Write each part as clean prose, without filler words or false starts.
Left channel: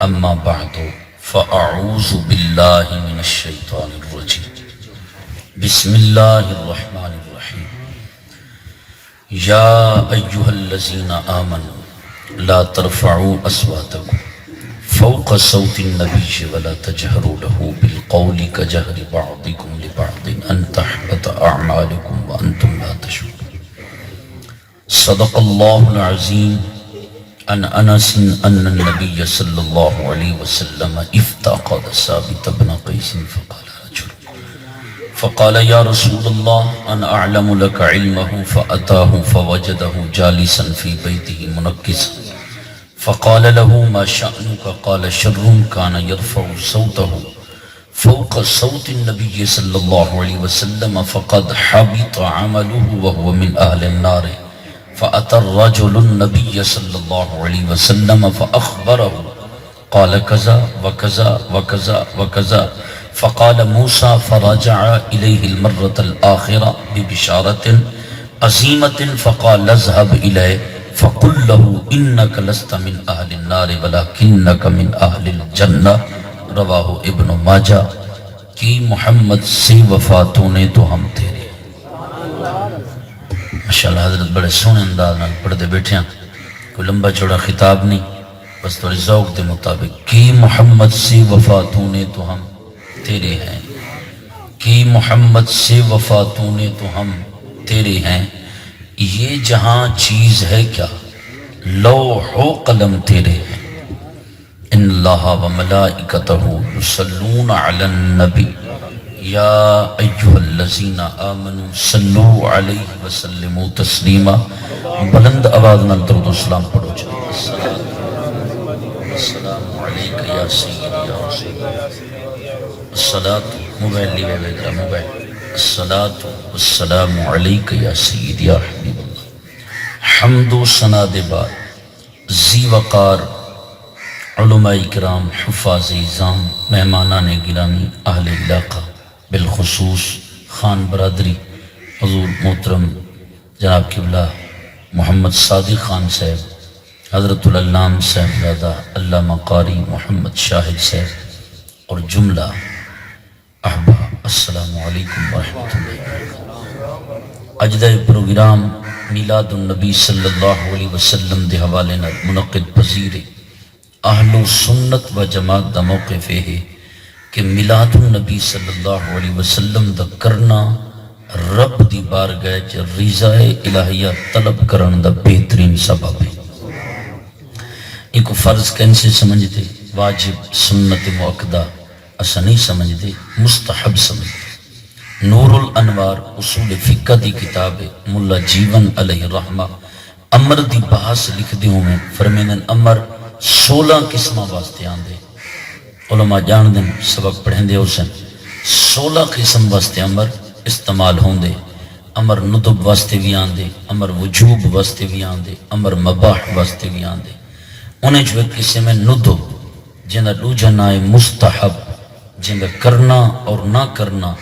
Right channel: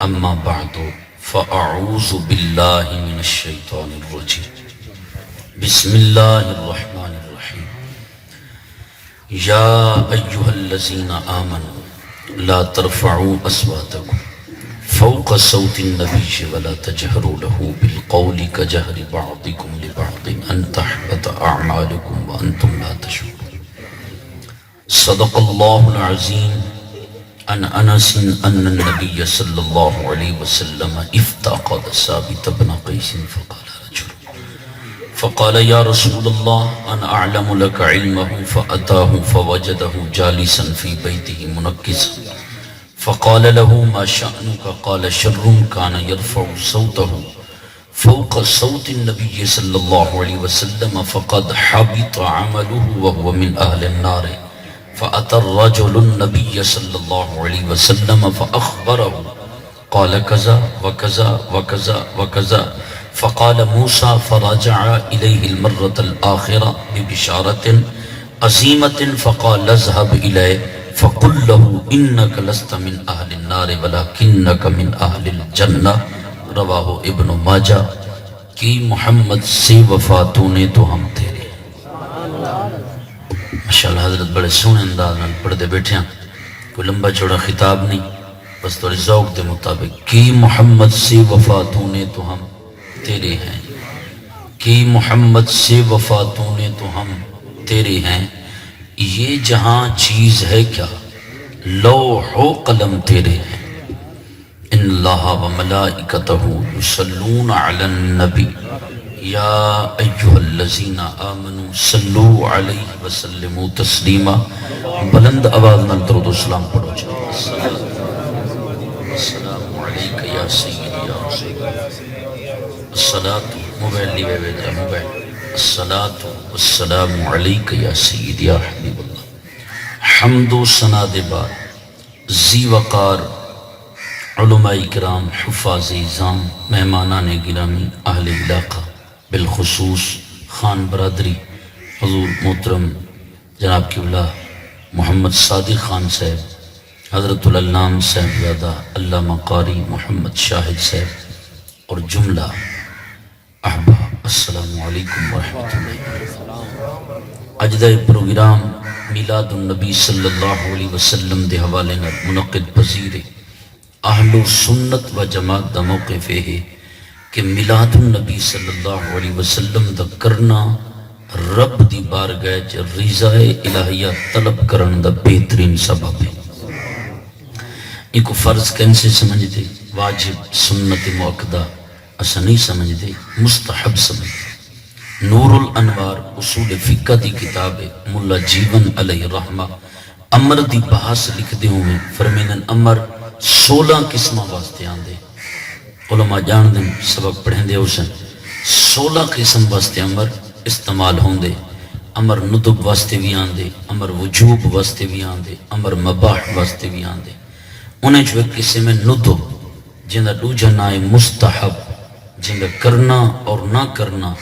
اما بعد فاعوذ باللہ من الشیطان الرجیم بسم اللہ الرحمن الرحیم یا ایہا الذین آمنوا لا ترفعوا اصواتکم فوق صوت النبی ولا تجہروا له بالقول کجہر بعضکم لبعض ان تحبط اعمالکم وانتم لا تشعرون صدق اللہ العظیم عن انس ان النبي صلى الله عليه وسلم افتقد ثابت بن قيس فقال يا رسول الله انا اعلم لك علمه فاتاه فوجده جالسا في بيته منكسا فقال له ما شأنك قال شر كان يرفع صوته فوق صوت النبي صلى الله عليه وسلم فقد حبط عمله وهو من اهل النار فأتى الرجل النبي صلى الله عليه وسلم فأخبره قال كذا وكذا وكذا وكذا فقال موسى فرجع إليه المرة الآخرة ببشارة عظيمة فقال اذهب إليه فقل له إنك لست من أهل النار ولكنك من أهل الجنة رواه ابن ماجہ کہ محمد سے وفاتوں نے تو ہم تیرے ماشاءاللہ حضرت بڑے سونے انداز میں پڑھتے بیٹھے ہیں، کوئی لمبا چوڑا خطاب نہیں، بس تو ذوق دے مطابق کی محمد سے وفاتوں نے تو ہم تیرے ہیں، کی محمد سے وفاتوں نے تو ہم تیرے ہیں، یہ جہاں چیز ہے کیا لوح و قلم تیرے ہیں، ان اللہ و ملائکتہ یصلون علی النبی یا ایہا الذین آمنوا صلو علیہ وسلموا تسلیما، بلند آواز میں درود و سلام پڑھو جائے السلام علیکہ یا سیدی یا رسول الصلاة موبائل لیوے بیدرہ موبائل الصلاة والسلام علیکہ یا سیدی یا حبیب اللہ حمد و ثنا دے بعد ذی وقار علماء کرام حفاظ اعظام مہمانان گرامی اہل علاقہ بالخصوص خان برادری حضور محترم جناب قبلہ محمد صادق خان صاحب، حضرت العلام صاحب زادہ علامہ قاری محمد شاہد صاحب اور جملہ احباب، السلام علیکم ورحمۃ اللہ۔ اجدہ پروگرام میلاد النبی صلی اللہ علیہ وسلم دے حوالے نال منعقد پذیر اہل سنت و جماعت دا موقف ہے کہ میلاد النبی صلی اللہ علیہ وسلم دا کرنا رب دی بارگاہ چ رضا الہیہ طلب کرن دا بہترین سبب ہے۔ ایک فرض کیسے سمجھتے، واجب سنت مؤکدہ اسا نہیں سمجھتے، مستحب سمجھتے۔ نور الانوار اصول فقہ دی کتاب ملا جیون علیہ رحمہ امر دی بحث لکھ دے ہوں میں فرمینن امر 16 قسمہ واسطے آندے، علماء جان دیں سبق پڑھیں دے اسن 16 قسم واسطے امر استعمال ہوں دے، امر ندب واسطے بھی آن دے، امر وجوب واسطے بھی آن دے، امر مباح واسطے بھی آن دے۔ انہیں جو ایک قسم میں ندب جنہ دو جنائے مستحب جنہ کرنا اور نہ کرنا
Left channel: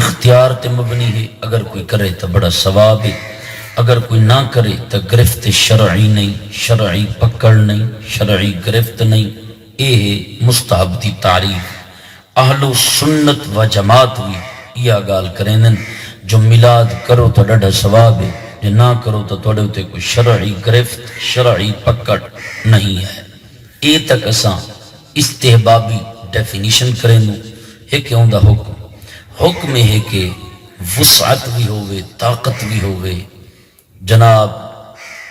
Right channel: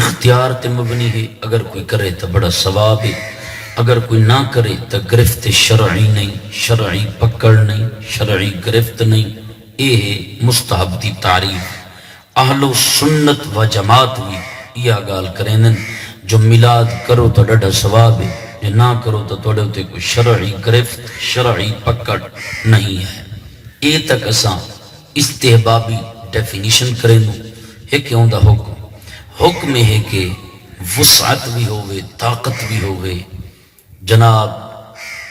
اختیار تے مبنی ہے، اگر کوئی کرے تو بڑا ثواب ہے، اگر کوئی نہ کرے تو گرفت شرعی نہیں، شرعی پکڑ نہیں، شرعی گرفت نہیں، اے مستحب دی تعریف۔ اہل سنت و جماعت بھی یہ گال کریں جو میلاد کرو تو ڈڑا ثواب ہے، جو نہ کرو تو توڑے ہوتے کوئی شرعی گرفت شرعی پکڑ نہیں ہے۔ اے تک اساں استحبابی ڈیفینیشن کریں دوں ہے کہ ہوں دا حکم ہے کہ وسعت بھی ہوئے، طاقت بھی ہوئے، جناب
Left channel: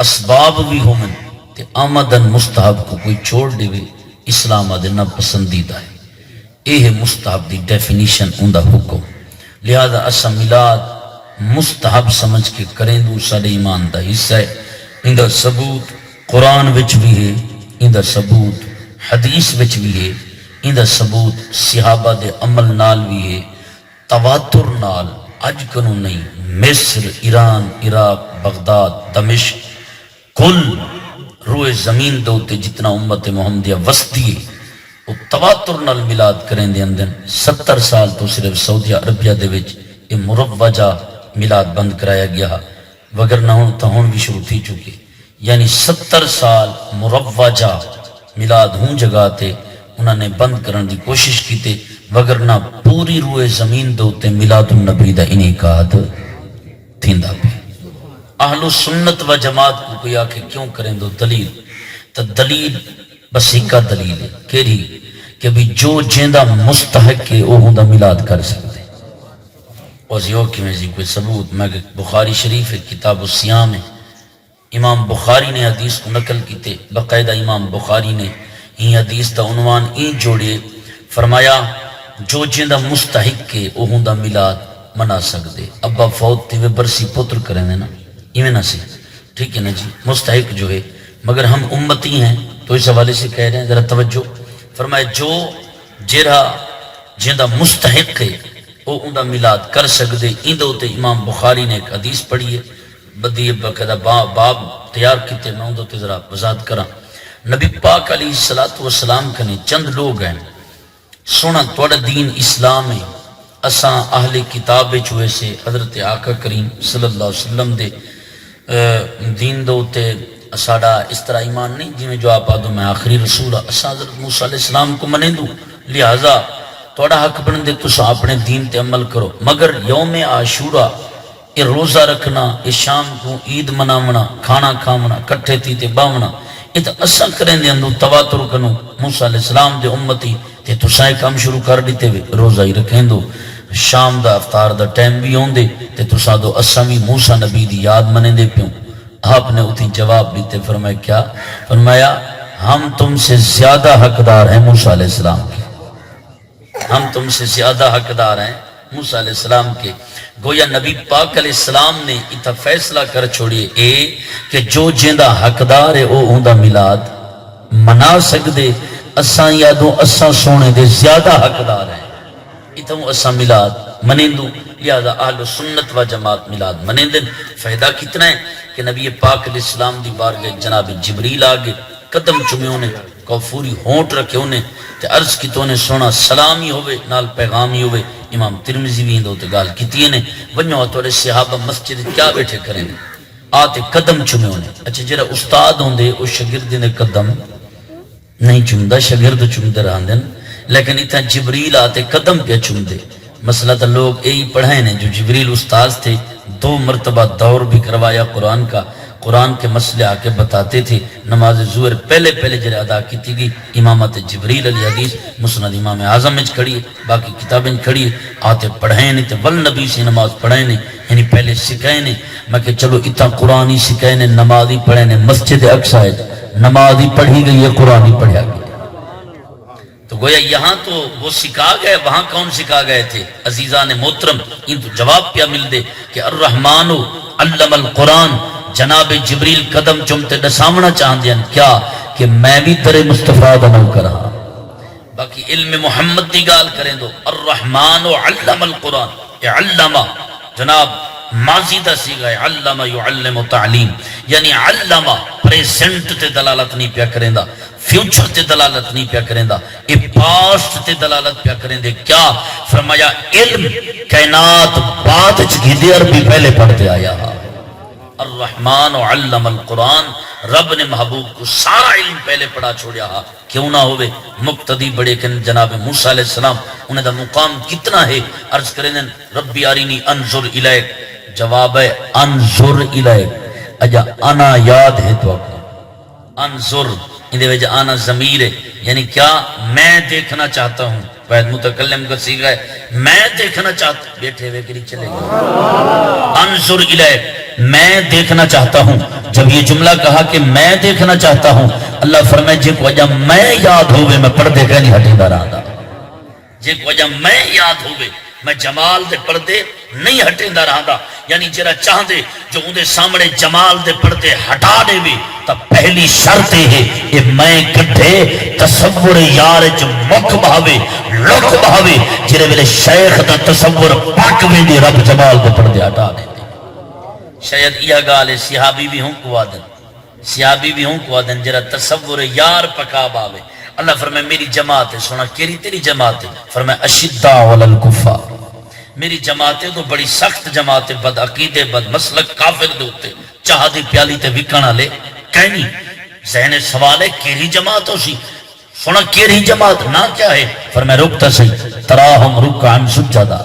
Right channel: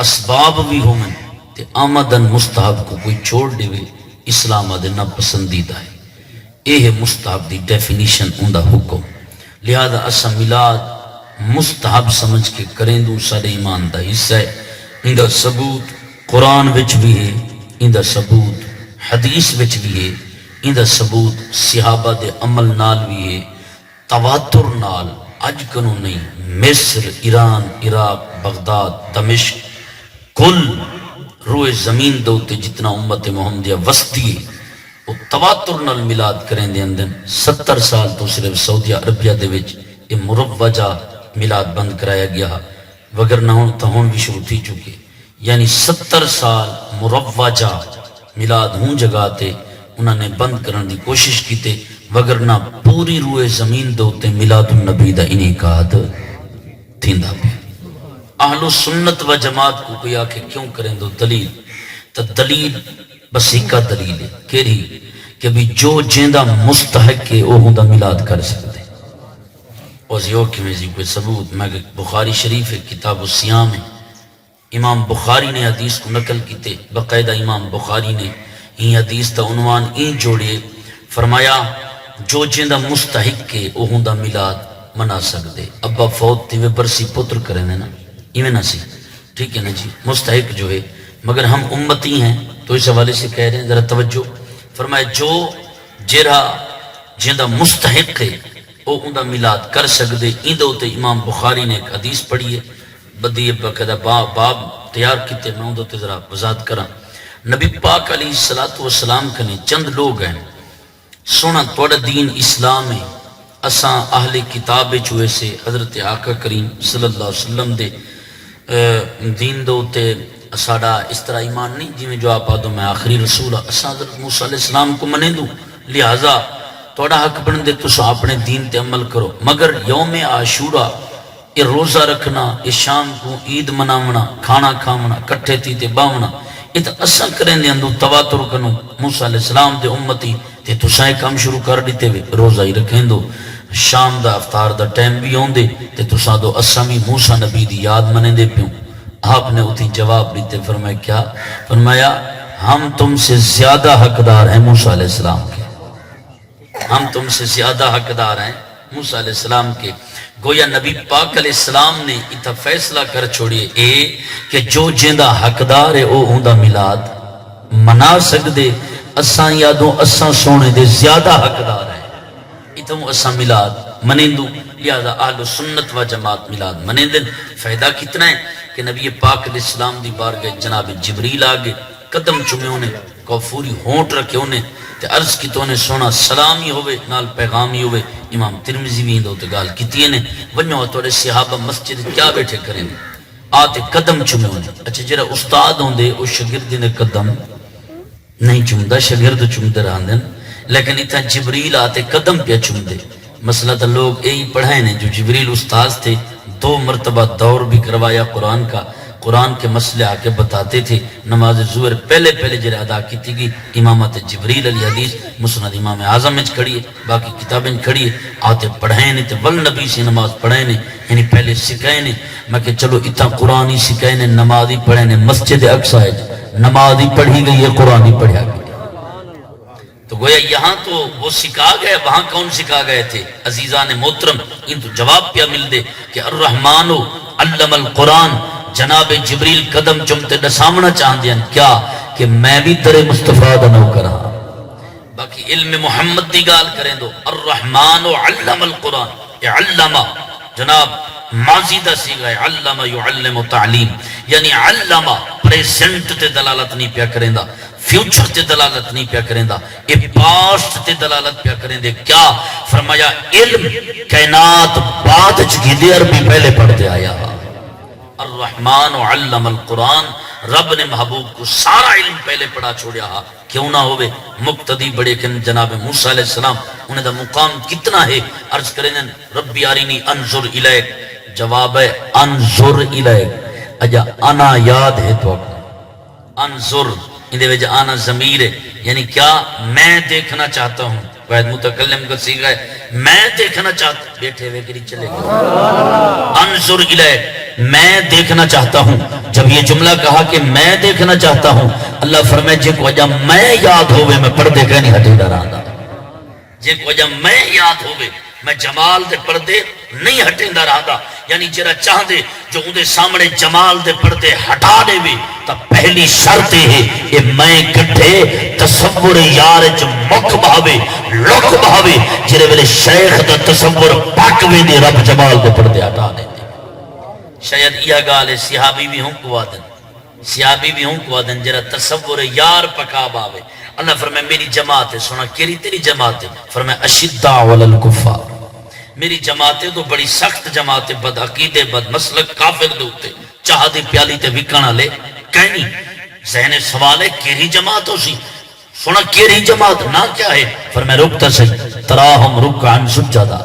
اسباب بھی ہومن تے آمدن مستحب کو کوئی چھوڑ دے وے اسلام آدھنا پسندیدہ ہے۔ اے ہے مستحب دی ڈیفینیشن اندہ حکم، لہذا اسا میلاد مستحب سمجھ کے کریں دوں سارے ایمان دا حصہ ہے۔ اندہ ثبوت قرآن وچ بھی ہے، اندہ ثبوت حدیث وچ بھی ہے، اندہ ثبوت صحابہ دے عمل نال بھی ہے، تواتر نال اج کنو نہیں، مصر، ایران، عراق، بغداد، دمشق، کل روئے زمین دوتے جتنا امت محمدیہ وسطی ہے وہ تواتر نال میلاد کریں دے اندن 70 سال تو صرف سعودیہ عربیہ دے وچ یہ مروجہ میلاد بند کرایا گیا، وگر نہ ہوں تو ہون بھی شروع تھی چکے، یعنی 70 سال مروجہ میلاد ہوں جگہ تے انہوں نے بند کرن دی کوشش کیتے، وگرنہ پوری روئے زمین دے اوتے میلاد النبی دا انعقاد تھیندا پیا۔ اہل سنت و جماعت کو کوئی آکے کیوں کریں دو دلیل، تو دلیل بس ایک دلیل ہے کیری کہ بھی جو جیندہ مستحق ہے وہ ہوندا میلاد کر سکتے۔ وزیو کی میں کوئی ثبوت میں کہ بخاری شریف ہے، کتاب الصیام ہے، امام بخاری نے حدیث کو نقل کیتے، باقاعدہ امام بخاری نے یہ حدیث دا عنوان این جوڑے، فرمایا جو جیندہ مستحق کے وہ ہوندا میلاد منا سکتے۔ ابا فوت تھی وہ برسی پتر کریں نا، ایویں نہ سی، ٹھیک ہے نا جی، مستحق جو ہے، مگر ہم امتی ہیں تو اس حوالے سے کہہ رہے ہیں، ذرا توجہ فرمائے، جو جیرا جیندہ مستحق ہے وہ اوندا میلاد کر سکتے۔ این دو تے امام بخاری نے ایک حدیث پڑھی ہے، بدی بقدہ باب تیار کیتے، میں اون تے ذرا وضاحت کراں۔ نبی پاک علیہ السلام کنے چند لوگ ہیں سونا توڑا دین اسلام ہے، اساں اہل کتاب چوئے سے حضرت آقا کریم صلی اللہ علیہ وسلم دے دین دو تے اساڑا اس طرح ایمان نہیں جی میں جو آپ آدھو میں آخری رسول اساں حضرت موسیٰ علیہ السلام کو منیں دوں، لہذا توڑا حق بن دے تو اپنے دین تے عمل کرو، مگر یوم عاشورہ یہ روزہ رکھنا، یہ شام کو عید منامنا، کھانا کھامنا، کٹھے تھی تے باونا، یہ تو اساں کریں دے اندو تواتر کنو موسیٰ علیہ السلام دے امتی تے تو سائے کام شروع کر دیتے ہوئے روزہ ہی رکھیں دو، شام دا افطار دا ٹائم بھی ہوں دے تے تو سادو اسامی موسیٰ نبی دی یاد منے دے پیوں۔ آپ نے اتنی جواب دیتے، فرمایا کیا؟ فرمایا ہم تم سے زیادہ حقدار ہیں موسیٰ علیہ السلام کے، ہم تم سے زیادہ حقدار ہیں موسیٰ علیہ السلام کے۔ گویا نبی پاک علیہ السلام نے اتنا فیصلہ کر چھوڑیے اے کہ جو جیندہ حقدار ہے وہ ہوندہ میلاد منا سکدے، اساں یادوں اساں سونے دے زیادہ حقدار ہیں، اتنا اساں میلاد منیندوں، لہذا اہل سنت و جماعت میلاد منیندن۔ فائدہ کتنا ہے کہ نبی پاک علیہ السلام دی بارگاہ جناب جبریل آگے قدم چومے انہیں کوفوری ہونٹ رکھے انہیں تے عرض کی تو انہیں سونا سلامی ہوئے نال پیغامی ہوئے۔ امام ترمذی بھی اندھو تے گال کیتی انہیں ونیو توڑے صحابہ مسجد کیا بیٹھے کریں آتے قدم چومے انہیں۔ اچھا جرہ استاد ہوندے اس شگردی نے قدم نہیں چومدہ، شگرد چومدے رہاں دن، لیکن اتنا جبریل آتے قدم پہ چومدے۔ مسئلہ تا لوگ یہی پڑھائیں نے جو جبریل استاذ تھے، 2 مرتبہ دور بھی کروایا قرآن کا، قرآن کے مسئلے آکے بتاتے تھے۔ نماز ظہر پہلے جرے ادا کی تھی، امامت جبریل علی حدیث مسند امام اعظم میں کھڑی ہے، باقی کتابیں کھڑی ہے، آتے پڑھائیں نے تے والنبی سے نماز پڑھائیں نے، یعنی پہلے سکھائیں نے۔ میں کہ چلو اتنا قرآن ہی سکھائیں نے، نماز ہی پڑھائیں نے، مسجد اقصی ہے نماز ہی پڑھی گئی ہے، قرآن ہی پڑھا گیا۔ تو گویا یہاں تو وہ سکھا گئے، وہاں کون سکھا گئے تھے؟ عزیزان محترم ان تو جواب پیا مل دے کہ الرحمن علم القرآن، جناب جبریل قدم چمتے دسامنا چاہن دیا کیا کہ میں بھی ترے مصطفیٰ بنو کرا۔ باقی علم محمد دی گال کریں دو، الرحمن علم القرآن، علم جناب ماضی دا سیگا ہے، علم یعلم تعلیم، یعنی علم پریزنٹ تے دلالت نہیں پیا کریں دا، فیوچر تے دلالت نہیں پیا کریں دا، اے پاسٹ تے دلالت پیا کریں دے۔ کیا فرمایا؟ علم کائنات بعد چگیدے عربی پہلے پڑھتے آیا۔ الرحمن علم القرآن، رب نے محبوب کو سارا علم پہلے پڑھا چھوڑیا ہا، کیوں نہ ہوئے مقتدی بڑے کن جناب موسیٰ علیہ السلام، انہیں دا مقام کتنا ہے؟ عرض کریں ربی آرینی انظر الیک، جواب ہے انظر الیک، اجا انا یاد ہے تو انظر اندے وجہ آنا ضمیر ہے، یعنی کیا میں دیکھنا چاہتا ہوں، واحد متکلم کا صیغہ ہے، میں دیکھنا چاہتا ہوں، بیٹھے ہوئے کری چلے گا، انظر الیک میں دیکھنا چاہتا ہوں۔ جب یہ جملہ کہا کہ میں دیکھنا چاہتا ہوں، اللہ فرمائے جے کو وجہ میں یاد ہوئے میں پردے کا نہیں ہٹے دا رہا، جے کو وجہ میں یاد ہوئے میں جمال دے پردے نہیں ہٹیں دا رہا دا، یعنی جرا چاہ دے جو اندے سامنے جمال دے پردے ہٹا دے بھی تا پہلی شرط ہے کہ میں کٹھے تصور یار جو مک بہاوے لک بہاوے، جرے ویلے شیخ دا تصور پاکویں دے رب جمال دے پردے ہٹا دے۔ شاید یہ گالے صحابی بھی ہوں کو آدن، صحابی بھی ہوں کو آدن جرا تصور یار پکا باوے۔ اللہ فرمائے میری جماعت ہے، سونا کیری تیری جماعت ہے؟ فرمائے اشداء علی الکفار، میری جماعتیں تو بڑی سخت جماعتیں، بد عقیدے بد مسلک کافر دے ہوتے، چاہ دے پیالی تے وکانا لے کہیں نہیں، ذہن سوال ہے کیری جماعت ہو سی سونا کیری جماعت نہ کیا ہے فرمایا رکتا سی تراہم رکعن سجدہ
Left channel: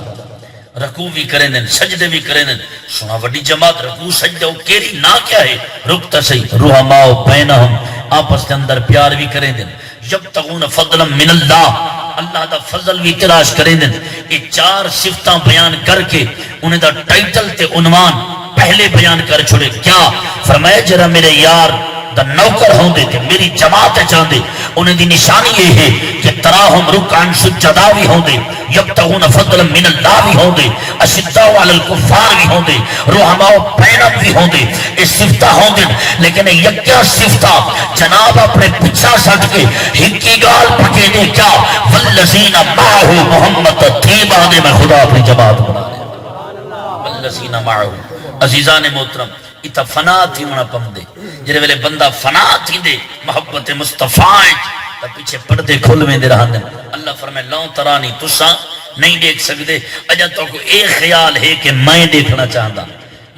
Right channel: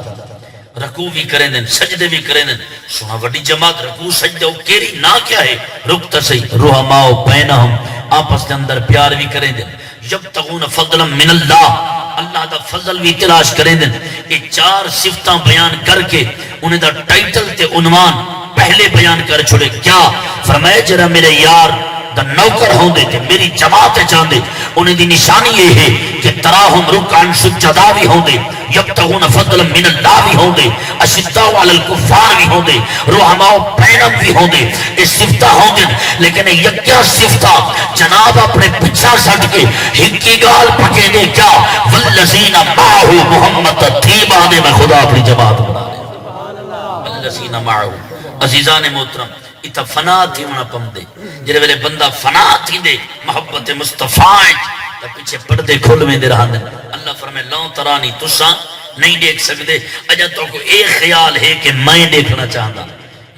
رکوع بھی کریں دیں سجدے بھی کریں دیں سونا وڈی جماعت رکوع سجدہ کیری نہ کیا ہے رکتا سی رحماء بینہم آپس کے اندر پیار بھی کریں دیں یبتغون فضلا من اللہ اللہ دا فضل بھی تلاش کریں دیں یہ چار صفتاں بیان کر کے انہیں دا ٹائٹل تے عنوان پہلے بیان کر چھوڑے کیا فرمایا جرا میرے یار دا نوکر ہوں دے تھے میری جماعت چاہن دے انہیں دی نشانی یہ ہے کہ تراہم رکعن سجدہ بھی ہوں دے یبتغون فضلا من اللہ بھی ہوں دے اشداء علی الکفار بھی ہوں دے رحماء بینہم بھی ہوں دے یہ صفتہ ہوں دے لیکن یکیا صفتہ جناب اپنے پچھا سٹ کے ہکی گال پکے دے کیا والذین معہ محمد تیبانے میں خدا اپنی جماعت بنا دے والذین معہ عزیزان محترم اتھا فنا تھی انہا پم دے جرے ویلے بندہ فنا تھی دے محبت مصطفیٰ تا پیچھے پردے کھول میں دے رہا دیں اللہ فرمائے لوں ترانی تسا نہیں دیکھ سکتے اجا تو کو ایک خیال ہے کہ میں دیکھنا چاہتا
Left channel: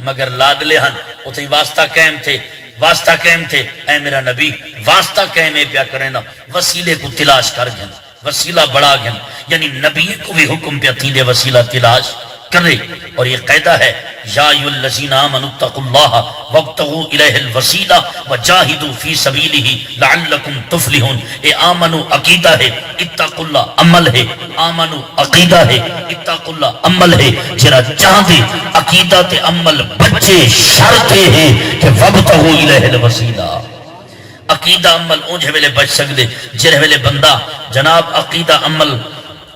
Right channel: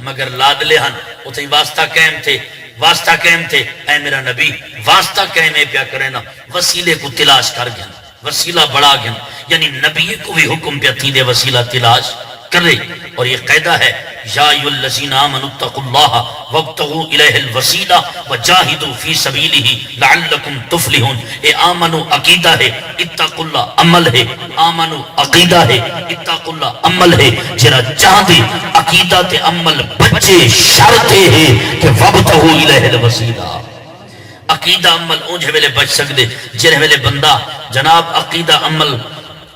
مگر لادلے ہن اتھے واسطہ قائم تھے اے میرا نبی واسطہ قائم ہے پیا کریں نا وسیلے کو تلاش کر گھن وسیلہ بڑا گھن یعنی نبی کو بھی حکم پیا تھی دے وسیلہ تلاش کرے اور یہ قیدہ ہے یا ایھا الذین آمنوا اتقوا اللہ وابتغوا الیہ الوسیلہ وجاہدوا فی سبیلہ لعلکم تفلحون اے آمنو عقیدہ ہے اتقوا اللہ عمل ہے آمنو عقیدہ ہے اتقوا اللہ عمل ہے جرا چاہ دے عقیدہ تے عمل بچے شرط ہے کہ وابتغوا الیہ الوسیلہ عقیدہ عمل اونجھے ویلے بچ سکدے جرے ویلے بندہ جناب عقیدہ عمل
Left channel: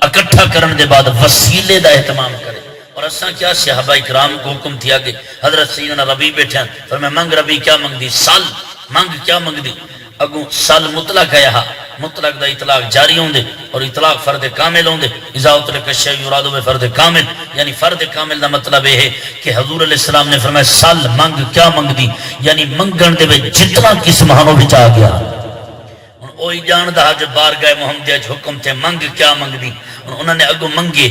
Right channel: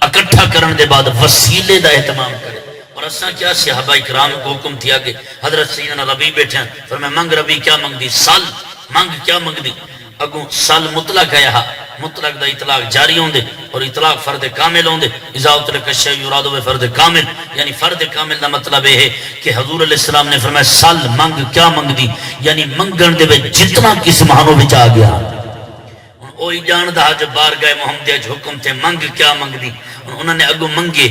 اکٹھا کرن دے بعد وسیلے دا اہتمام کرے اور اساں کیا صحابہ اکرام کو حکم تھیا کہ حضرت سیدنا ربی بیٹھے ہیں فرمایا منگ ربی کیا منگ دی سال منگ کیا منگ دی اگوں سال مطلق ہے یہاں مطلق دا اطلاق جاری ہوں دے اور اطلاق فرد کامل ہوں دے اذا اترک الشیء یراد بہ فرد کامل یعنی فرد کامل دا مطلب ہے کہ حضور علیہ السلام نے فرمایا سال منگ کیا منگ دی یعنی منگن دے وچ جتنا قسم ہانو وچ آ گیا اوہی جاندہ جو بارگاہ محمدیہ جو حکم تھے منگ کیا منگ دی انہوں نے اگو منگے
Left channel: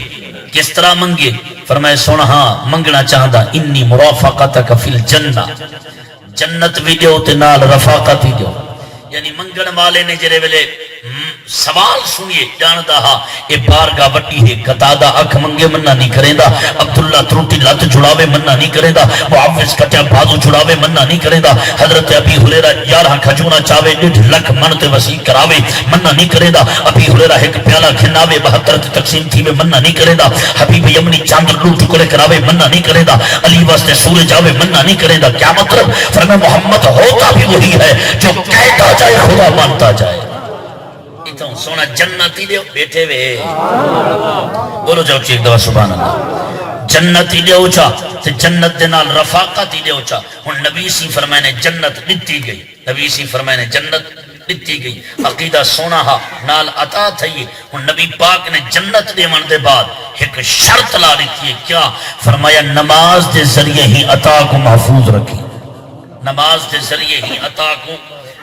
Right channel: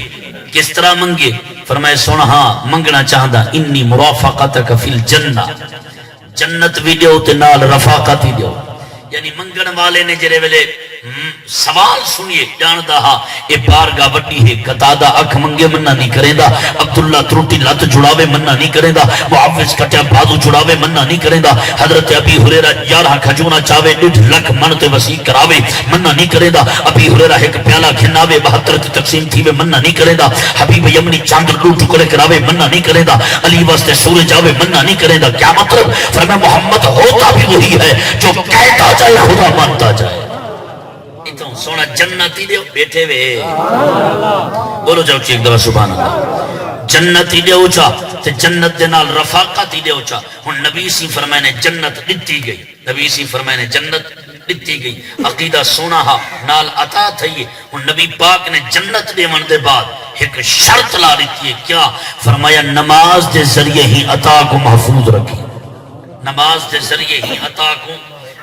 کس طرح منگے فرمائے سونا ہاں منگنا چاہتا انی مرافقتک فی الجنہ جنت بھی دیو تے نال رفاقت بھی دیو یعنی منگن والے نے جرے ویلے سوال سنیے جانتا ہاں یہ بارگاہ وٹی ہے قطادہ اکھ منگے منہ نہیں کریں دا عبداللہ تروٹی لت جڑاوے منہ نہیں کریں دا معاوض کٹیا بازو جڑاوے منہ نہیں کریں دا حضرت ابی ہریرہ 11 کھجونا چاوے 1.5 لکھ من تے وسیع کراوے منہ نہیں کریں دا ابی ہریرہ ایک پیالہ کھناوے 72 تے تقسیم تھی وے منہ نہیں کریں دا حبیب یمنی چاند لوٹ ٹکڑے کراوے منہ نہیں کریں دا علی واسطے سورج جاوے منہ نہیں کریں دا کیا مطلب فرمایا محمد ہوتا بھی وہی ہے جو کہتا جائے خدا مانتا جائے اتوں سونا جنتی دیو بیٹھے وے بولو جاؤ چیک دوا سبحان اللہ جنتی دیو چا تے جنت دے نال رفاقتی دیو چا ہن نبی سی فرمائے نے جنت دتی گئی نبی سی فرمائے نے جنت دتی گئی عقیدہ سونا ہا نال عطا تھئی ہن نبی پاک نے جنت دے من دے بعد ایک شرط لا دیتی ہے کیا فرمایا نماز دے ذریعے ہی عطا کو محفوظ رکھی نماز دے ذریعے ہی عطا کو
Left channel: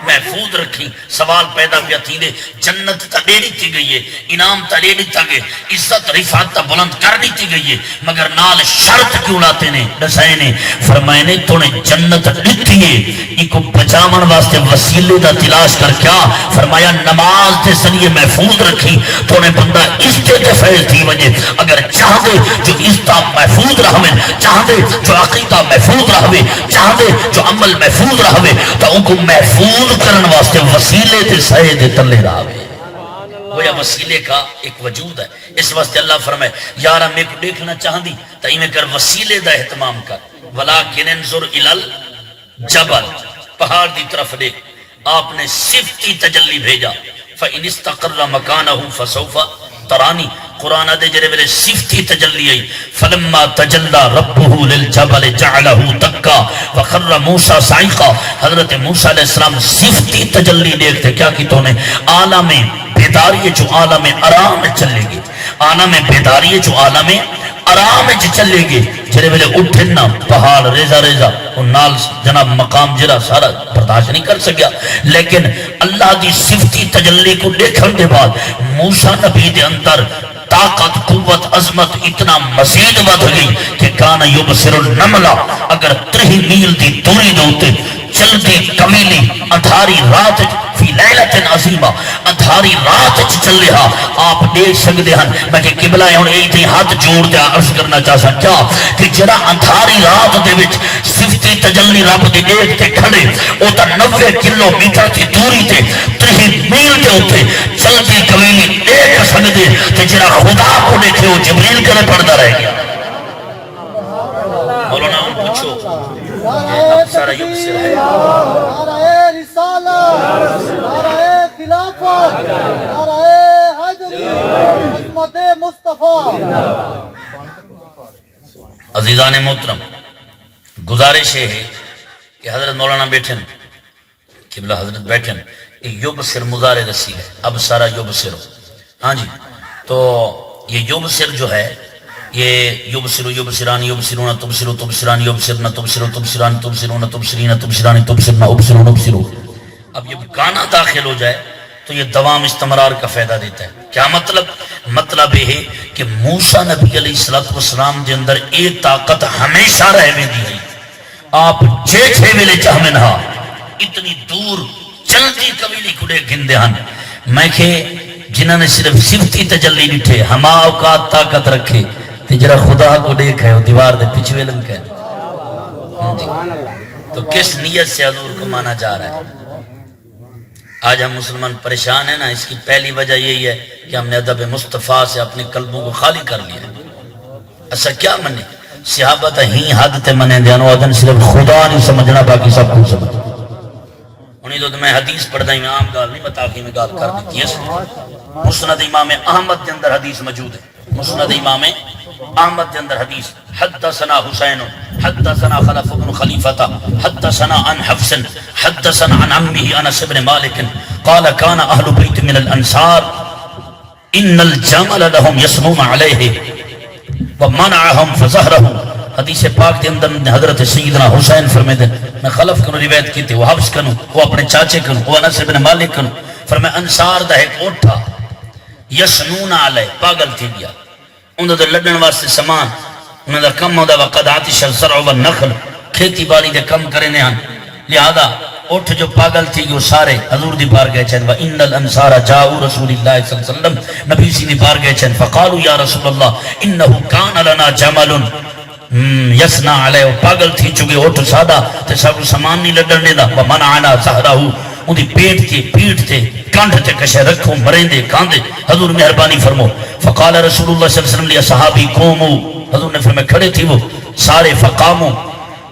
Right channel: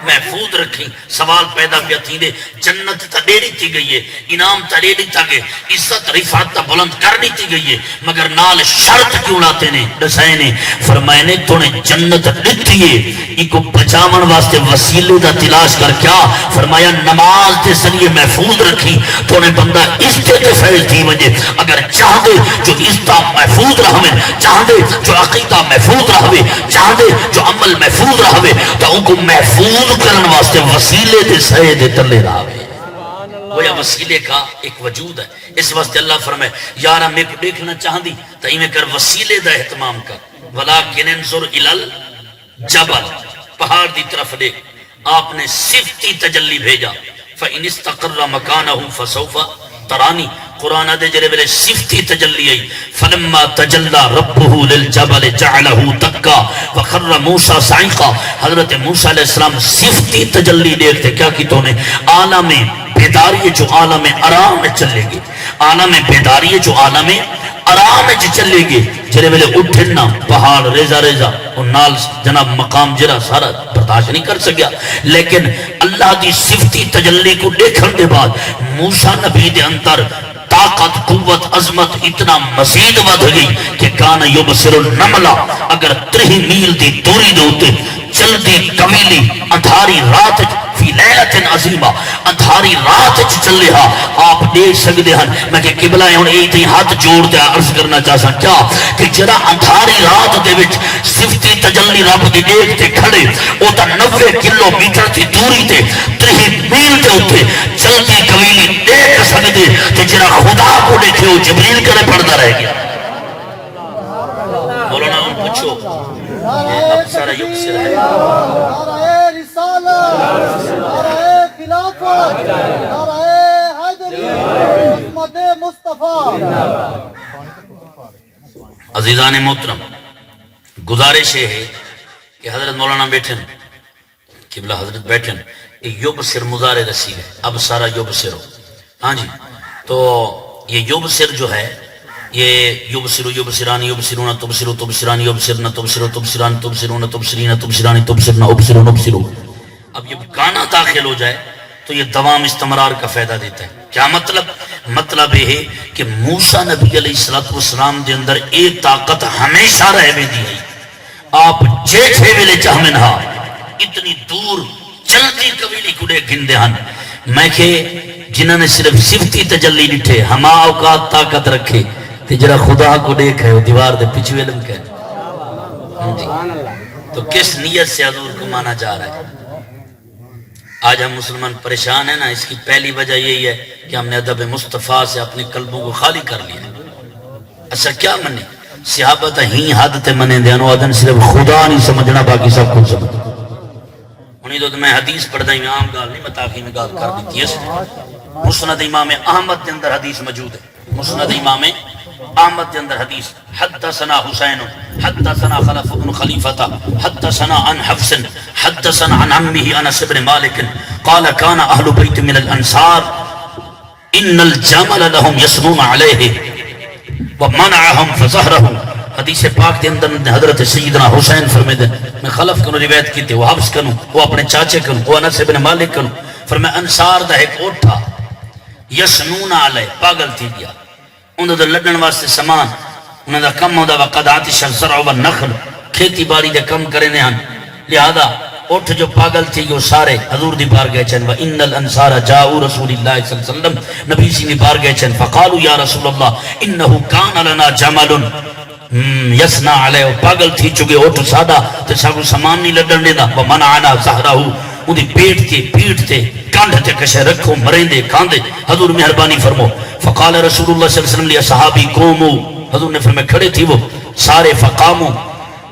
محفوظ رکھی سوال پیدا کیا تھی دے جنت تا دے دیتی گئی ہے انعام تا دے دیتا گئے عزت رفعت تا بلند کر دیتی گئی ہے مگر نال شرط کیوں لاتے نے دسائے نے فرمائے نے تو نے جنت دیتی ہے ان کو بچامن واسطے وسیلے دا تلاش کر کیا فرمایا نماز دے ذریعے محفوظ رکھی تو نے بندہ عزت فیل تھی وجہ اگر چاہ دے جو عزت محفوظ رہوے چاہ دے جو عقیدہ محفوظ رہوے چاہ دے جو عمل محفوظ رہوے تو ان کو محفوظ کرن واسطے وسیلے دے سائے دے تلے رہے گویا وسیلے کا ایک وجود ہے اس واسطے اللہ فرمائے یارا میں کو دیکھنا چاہن دی تا میں کر وسیلے دا اہتمام کر ولیکن انظر الال جبل پہاڑ دی طرف دیکھ آپ نے صفتی تجلی بھیجا فَإِنِ اسْتَقَرَّ مَكَانَهُ فَسَوْفَ ترانی قرآن دے جرے بلے صفتی تجلی آئی فلما تجلى ربه للجبل جعله دکا وخر موسیٰ سائقا حضرت موسیٰ علیہ السلام صفتی تجلی دیکھتے کیا کی تو نے عالم بیداری جو عالم آرام میں چلے گے عالم بیداری جو عالم آرام میں چلے گے جرے بلے اٹھنا پہاڑ ریزہ ریزہ اور نال جناب مقام جرا سارا برداشت نہیں کر سکیا لیکن اللہ دی صفتی تجلی کو دیکھن دے بعد موسیٰ نبی دے اندر طاقت قوت عظمت اتنا مزید بڑھ گئی کہ کان یبصر النملہ اگر 3 میل دی دوری دوتے چلدی کمیلی اندھاری رات فی لیلت عظیمہ اندھاری رات چلے ہاں آپ دیکھ سکتے ہیں میں کہ قبلہ ہوں اے تھی ہاتھ جوڑ دیا عرض کرنا چاہتا کیا کہ جرا اندھاری رات دے وچ صفتی تجلی رب دی دیکھ تے کھڑے او تا 90 کلو میٹر تھی دوری تے 3 میل تے ہوتے چلدی کمیلی دیکھ سکتے تے جرا خدا کو دیکھے وہ جبریل کرے پڑھتا رہ گیا مولانا پوچھو سارا یوگ سے رہے نعرہ رسالت نعرہ خلافت نعرہ حیدری عظمت مصطفیٰ عزیزان محترم گزارش ہے کہ حضرت مولانا بیٹھن قبلہ حضرت بیٹھن یوب سر مزار رسیل ہے اب سارا یوب سر ہاں جی تو یہ یوب سر جو ہے یہ یبصرو یبصران یبصرون تبصرو تبصران یبصرن تبصرو تبصران تبصرون تبصرین تبصران تبصرن ابصرون ابصرو اب یہ گانا داخل ہو جائے تو یہ دوام استمرار کا فائدہ دیتا ہے کیا مطلب یہ ہے کہ موسیٰ نبی علیہ السلام دے اندر ایک طاقت ہمیشہ رہ میں دی ہے آپ جیٹھے ملے چاہمیں نہا اتنی دور چلتی قبیلی کڑے گندے ہن میں کہ جنہوں نے صرف صفتی تجلی نٹھے ہما اوقات طاقت رکھے تجرا خدا کو دیکھ ہے وہ دیوار دے پیچھے علم کہ تو کس نیت سے حضور کو مانا جا رہا ہے آج ہم مسلمان پریشان ہیں نا اس کی پہلی وجہ یہی ہے کہ ہم نے ادب مصطفیٰ سے اپنے قلبوں کو خالی کر لیا ایسا کیا منے صحابہ تا ہی حد تے منے دینو آدن صرف خدا نہیں سمجھنا باقی سب کچھ سمجھنا انہیں تو میں حدیث پڑھ دائیں عام گال نہیں متاخی میں گال کر دیتی ہے مسند امام احمد کے اندر حدیث موجود ہے مسند امام احمد کے اندر حدیث حدثنا حسین حدثنا خلف بن خلیفہ حدثنا عن حفص حدثنا عن عمه انس بن مالك قال كان اهل بيت من الانصار ان الجمل لهم يسرون عليه ومنعهم فظهره حدیث پاک کے اندر حضرت سیدنا حسین فرمیدن میں خلف کنو روایت کی تھی وہ حفظ کنو وہ اپنے چاچے کنو وہ انس بن مالک کنو فرمائے انصار دا ایک اوٹھا یسنون علیہ پاگل تھی گیا انہوں دا لڑن واسطے سامان انہوں دا کم ہودا وقد آتش الزرع والنخل کھیتی باڑی دے کم کرنے ہن لہذا اٹھ جو پاگل تھی وہ سارے حضور دی بار گئے چن وَإِنَّ الْأَنصَارَ جَاءُوا رَسُولِ اللَّهِ صلی اللہ علیہ وسلم نبی سی دی بار گئے چن فقالوا یا رسول اللہ انہو کان لنا جمل یسنا علیہ پاگل تھی چکے اٹھ سادہ تے سب سامان نہیں لڑن دینا وَمَنَعَنَا زَهْرَهُ ان دی پیٹ تے پیٹ تے کانڈ تے کشے رکھو مرین دے کاندے حضور مہربانی فرمو فقال رسول اللہ صلی اللہ علیہ وسلم لیا صحابی قومو حضور نے فرمائے کھڑے تھی وہ سارے فقامو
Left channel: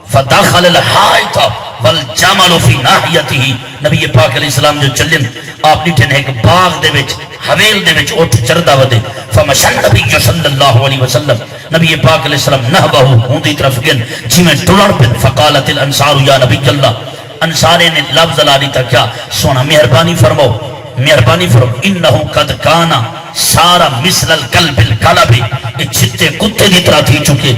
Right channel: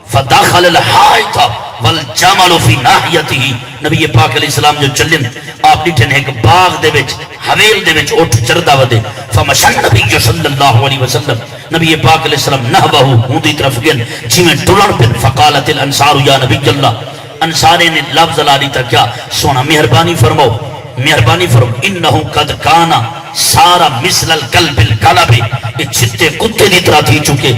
فداخل الحائط والجمل فی ناحیته نبی پاک علیہ السلام جو چلن آپ نیٹھن ایک باغ دے وچ حویل دے وچ اٹھ چردہ ودے فمشن نبی صلی اللہ علیہ وسلم نبی پاک علیہ السلام نحوہ ہوں دی طرف گن جی میں ٹلڑ پن فقالت الانصار یا نبی اللہ انصارے نے لفظ لالی تا کیا سونا مہربانی فرمو انہو قد کانا سارا مثل القلب القلب یہ چھتے کتے دی طرح تھی چکے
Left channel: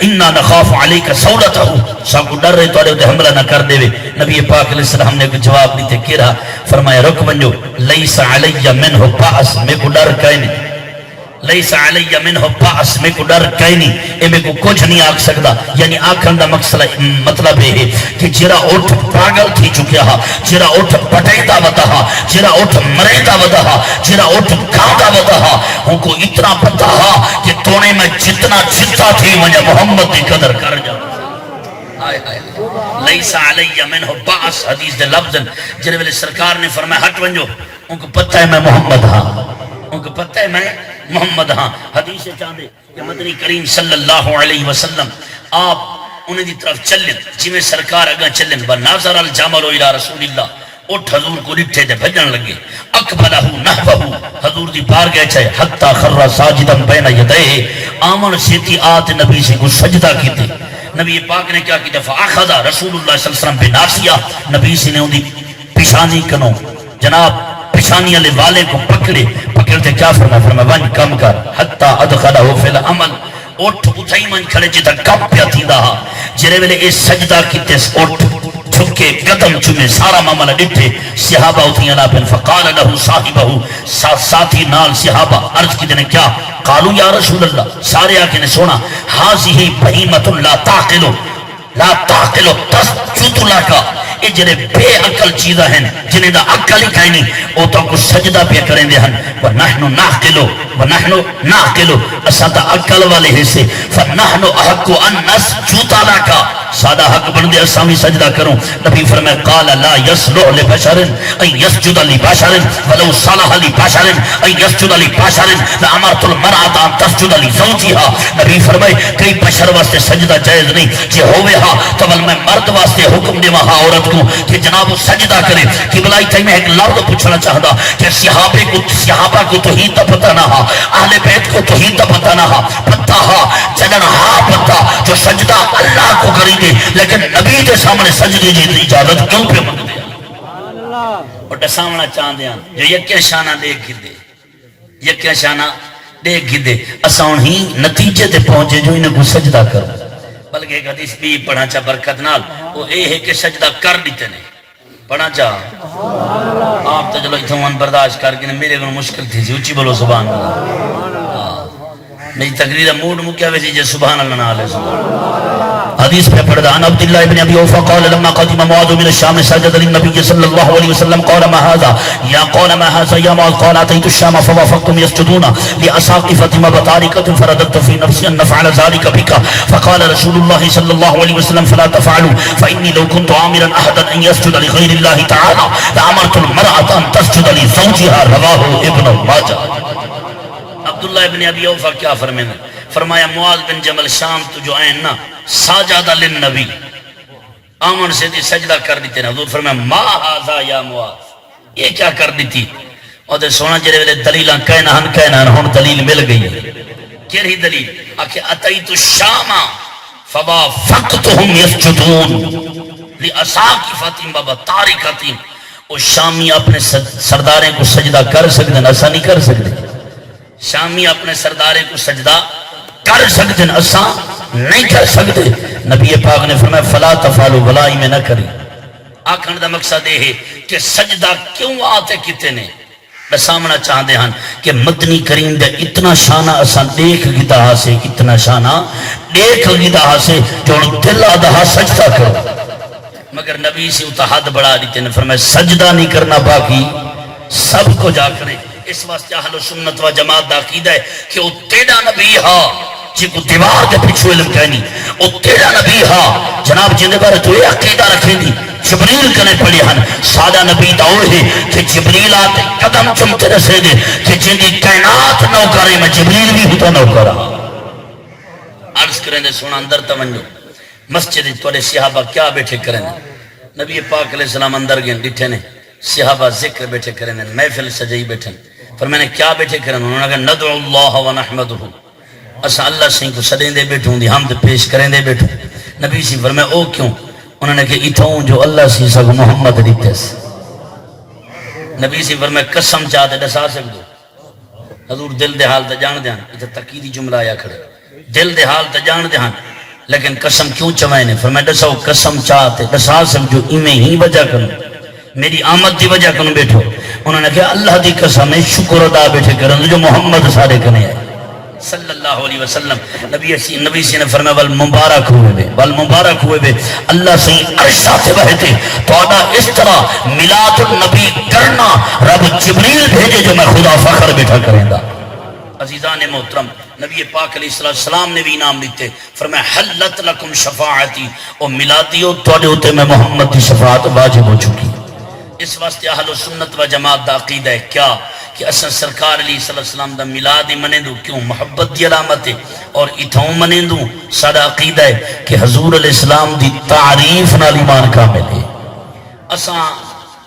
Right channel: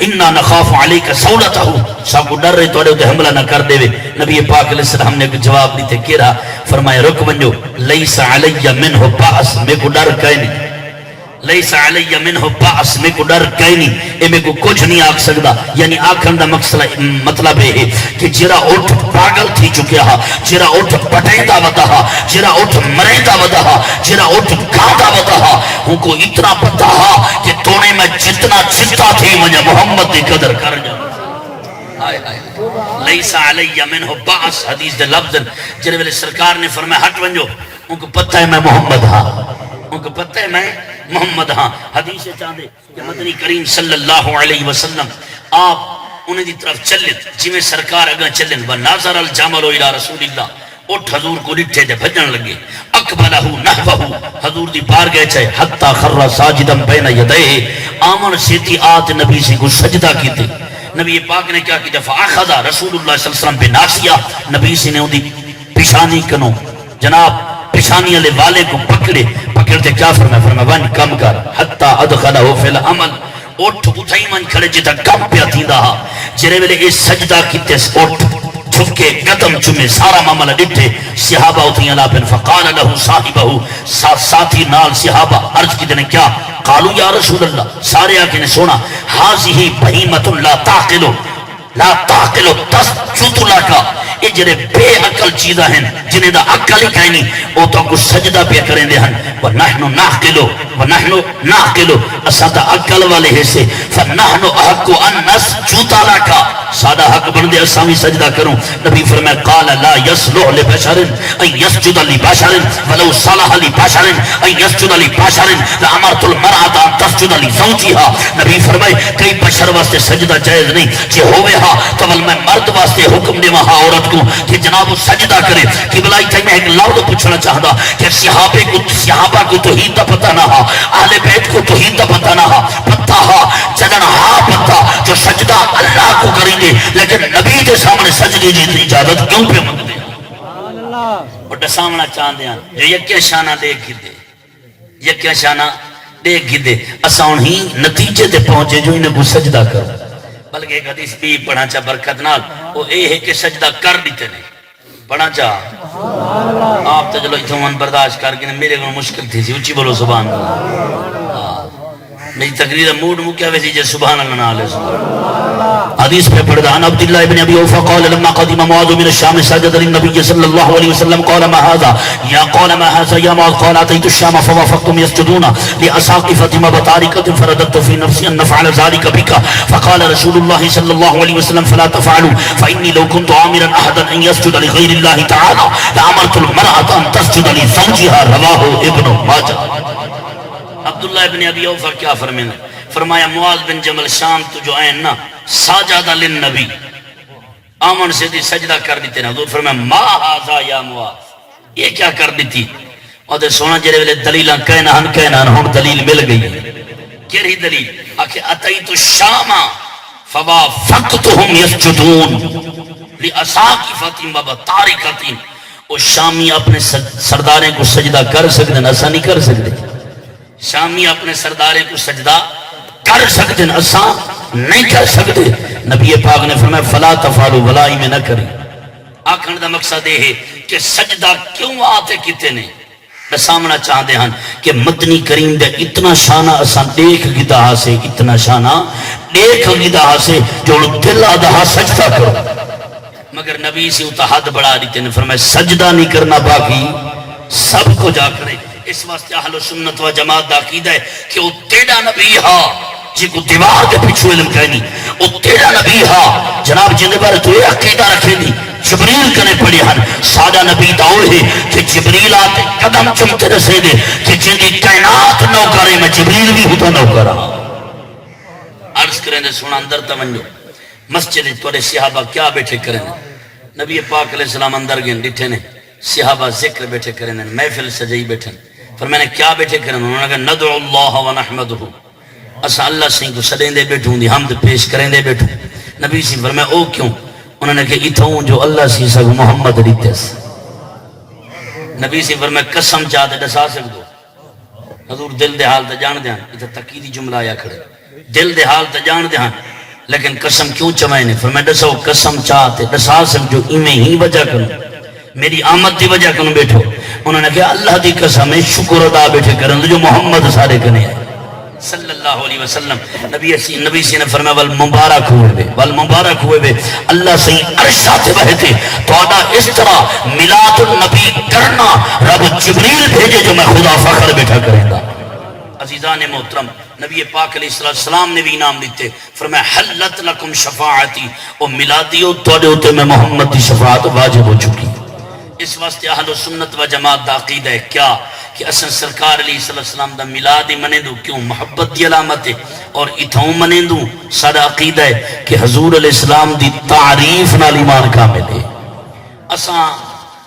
انہا نخاف علیکہ سولتہ ساکو ڈر رہے توڑے ہوتے حملہ نہ کر دے وے نبی پاک علیہ السلام نے جواب دیتے کیا رہا فرمایا رک ونجو لیس علی منہ باس میں کو ڈر کہیں نہیں لیس علی منہ باس میں کو ڈر کہیں نہیں اے میں کو کچھ نہیں آکھ سکتا یعنی آکھن دا مطلب ہے کہ جرا اٹھ پاگل تھی چکیا ہا جرا اٹھ پٹیدہ ودا ہا جرا اٹھ مریدہ ودا ہا جرا اٹھ گاندہ ودا ہا ان کو اتنا پتا ہا کہ تونے میں جتنا جتا تھی مجھے محمد دی قدر کر جا لیس علی منہ باس حدیث دے لفظن جنہے ویلے سرکار نے فرمایا ہٹ ونجو ان کو پتہ ہے میں محمد ہاں ان کو پتہ ہے میں محمد ہاں حدیث چاندے کہ مدنی کریم صلی اللہ علیہ وسلم آپ انہیں دی طرف چلن جی میں سرکار اگا چلن وَنَاظَرَ الْجَمَلُ إِلَىٰ رَسُولِ اللَّهِ اٹھ حضور کو ڈٹھے دے بھجن لگے اقبلہو نحوہو حضور دی پار گئے چاہے حتی خر ساجدن بین یدئے آمن سیتی آت نبی سے کو سجدہ کیتے نبی پاک نے کیا کی فاخذا رسول اللہ صلی اللہ علیہ وسلم پہ ناسیہ نبی سے نے ان دی پیشانی کنو جناب پیشانی علی والے کو پکڑتے کیا فرمائے ون کم کر حتی ادخلہو فی العمل اٹھ اٹھائی من کھڑے جتا کم پیا تھی دا جرے ویلے اس سجدہ کیتے اٹھ چھکے قدم چمے سارا معاملہ ڈٹھے صحابہ اتنی اللہ پن فقال لہو صاحبہو ساتھی نال صحابہ عرض کی دینے کیا قالو یا رسول اللہ سارے آکے نے سونا حاضی ہی بہیمت لا تاقلو تسجد لکا یہ جڑے بے عقل چیزاں ہیں جنہیں دا عقل ہی کہیں نہیں وہ تو کو سجدہ پہ کریں دے ہن ونحن نعقلو اسا دا عقل والے حصے فنحن احق ان نسجد لک سادہ حق بن دے اسامی سجدہ کروں. نبی فرمائے قال لا يصلح لبشر ان يسجد لبشر ولو صلح لبشر ان يسجد لبشر لامرت المرأة ان تسجد لزوجها. نبی فرمائے کئی بشر واسطے سجدہ جائز نہیں جے ہوئے ہاں تو میں مرد واسطے حکم دے وہاں عورت کو کہ جناب وہ سجدہ کرے. کہ بلائی تھی میں ایک لفظ پوچھنا چاہتا کہ صحابہ کو تو ہی تو پتہ نہ ہا اہل بیت کو تو ہی تو پتہ نہ ہا پتہ ہا چلن ہا پتہ جو سجدہ اللہ کو کریں گے لیکن نبی کے سامنے سجدے کی اجازت کیوں پہ مانگ دیا اور ڈسامنا چاہتے ہیں جو یکیا شانہ دیکھ دے یکیا شانہ دیکھ دے اساں ہی نتیجے تے پہنچے جو انہیں کو سجدہ کرو. بلکہ ایک حدیث بھی پڑھا چاہ برکت نال وہ اے ہے کہ سجدہ کر دیتے نہیں پڑھا چاہ آپ تو چلو اتمان برداشت کر کے میرے کو مشکل تھی اچھی بولو سبحان اللہ. میری تقریر موڈ مکیا ویسی جے سبحان اللہ نہ علیہ وسلم. حدیث پہ پڑھا عن عبد الله بن ابي اوفى قال لما قدم معاذ من الشام سجد للنبي صلى الله عليه وسلم قال ما هذا يا قال ما هذا يا معاذ قال اتيت الشام فوافقتم يسجدون لاساقفه مباركه فرددت في نفسي ان نفعل ذلك بك فقال رسول الله صلى الله عليه وسلم فلا تفعلوا فاني لو كنت امرا احدا ان يسجد لغير الله تعالى لامرت المراه ان تسجد لزوجها رواه ابن ماجه. عبداللہ ابن ابی اوفا کیا فرمایا معاذ بن جمل شام تو جو آئین نا ساجادہ للنبی آمن سے دی سجدہ کر دیتے نا حضور فرمایا ما حاضا یا معاذ یہ کیا کر دیتی اور دے سونا جرے ویلے دلیلہ کہنا ہم دلیل مل گئی ہے کیری دلیل آکھے اتیت الشام فوافقتهم یسجدون لاساقفۃ وبطارقۃ. وہ شامی اپنے سرداریں کو سجدہ کر سکتے ہیں ایسا نہیں کر سکتے. شامی اپنے سردارے کو سجدہ کر سکتے ہیں اساں نہیں کر سکتے. نبی پاک نے فرمایا فلا تفعلوا ولائی میں نہ کریں. آکھن دا مقصد یہ ہے کہ سجدہ کیوں آتے کتے نے سامنا چاہتے ہیں کہ مدنی کریم دے اتنا شانہ اساں دیکھ گدا سے اتنا شانہ دیکھ گدا سے جو دل آدھا سجدہ کرو مگر نبی سے اتحاد بڑھا دیتے ہیں. فرمایا سجدہ نہیں کرنا باقی سب کو جا کریں. اس واسطے اہل سنت و جماعت دا عقیدہ ہے کہ وہ تیرا نبی ہا جی کو دیوار کے پیچھے علم کہنی وہ تیرا نبی ہا جناب جن بارے تو یہ عقیدہ رکھے دی جبریل کنے پڑے ہن سادہ نبی دا وہ ہے کہ جبریل آتے قدم چمتے رسے دے کہ جن کی کائنات نہ کرے میں جبریل بھی ہوتا نہ کرا. عرض کریں دے سونا اندر توجہ مسجد توڑے صحابہ کیا بیٹھے کریں نبی پاک علیہ السلام اندر گئے ڈٹھے نے صحابہ ذکر بیٹھے کریں محفل سجائی بیٹھے پر میں نے کیا بیٹھے کریں انہوں نے کہا ندعو اللہ و نحمدہ اسا اللہ سے کو سدیں دے بیٹھوں دی حمد پیش کریں دے بیٹھوں. نبی سے فرمایا او کیوں انہوں نے کہا اتھوں جو اللہ سے سب محمد دیتے سے. نبی سے فرمایا قسم چاہتے ڈسا سکدو حضور دل دے حال تا جان دے ہاں اتھا تقیدی جملہ آیا کھڑے دل دے حال تا جان دے ہاں لیکن قسم کیوں چمائے نے فرمایا ڈساو قسم چاہتے ڈسا سکدو انہیں ہی وجہ کروں میری آمد دی وجہ کنو بیٹھو. انہوں نے کہا اللہ دی قسم شکر ادا بیٹھے کریں جو محمد سارے کنے ہیں صلی اللہ علیہ وسلم. نبی سے نے فرمایا والمبارک ہوئے بے اللہ سے عرشہ سے بہتے تو آدھا اس طرح ملاد النبی کرنا رب جبریل بھیجے جو میں خدا فخر بیٹھا کریں گا. عزیزان محترم نبی پاک علیہ السلام نے بھی انعام دیتے فرمایا حلت لکم شفاعتی او ملادیو توڑے ہوتے میں محمد دی شفاعت واجب ہو چکی. اس واسطے اہل سنت و جماعت دا عقیدہ ہے کیا کہ اساں سرکار علیہ السلام دا میلاد منے دو کیوں محبت دی علامت ہے اور اتھوں منے دو سارا عقیدہ ہے کہ حضور علیہ السلام دی تعریف نال ایمان کامل ہے. اساں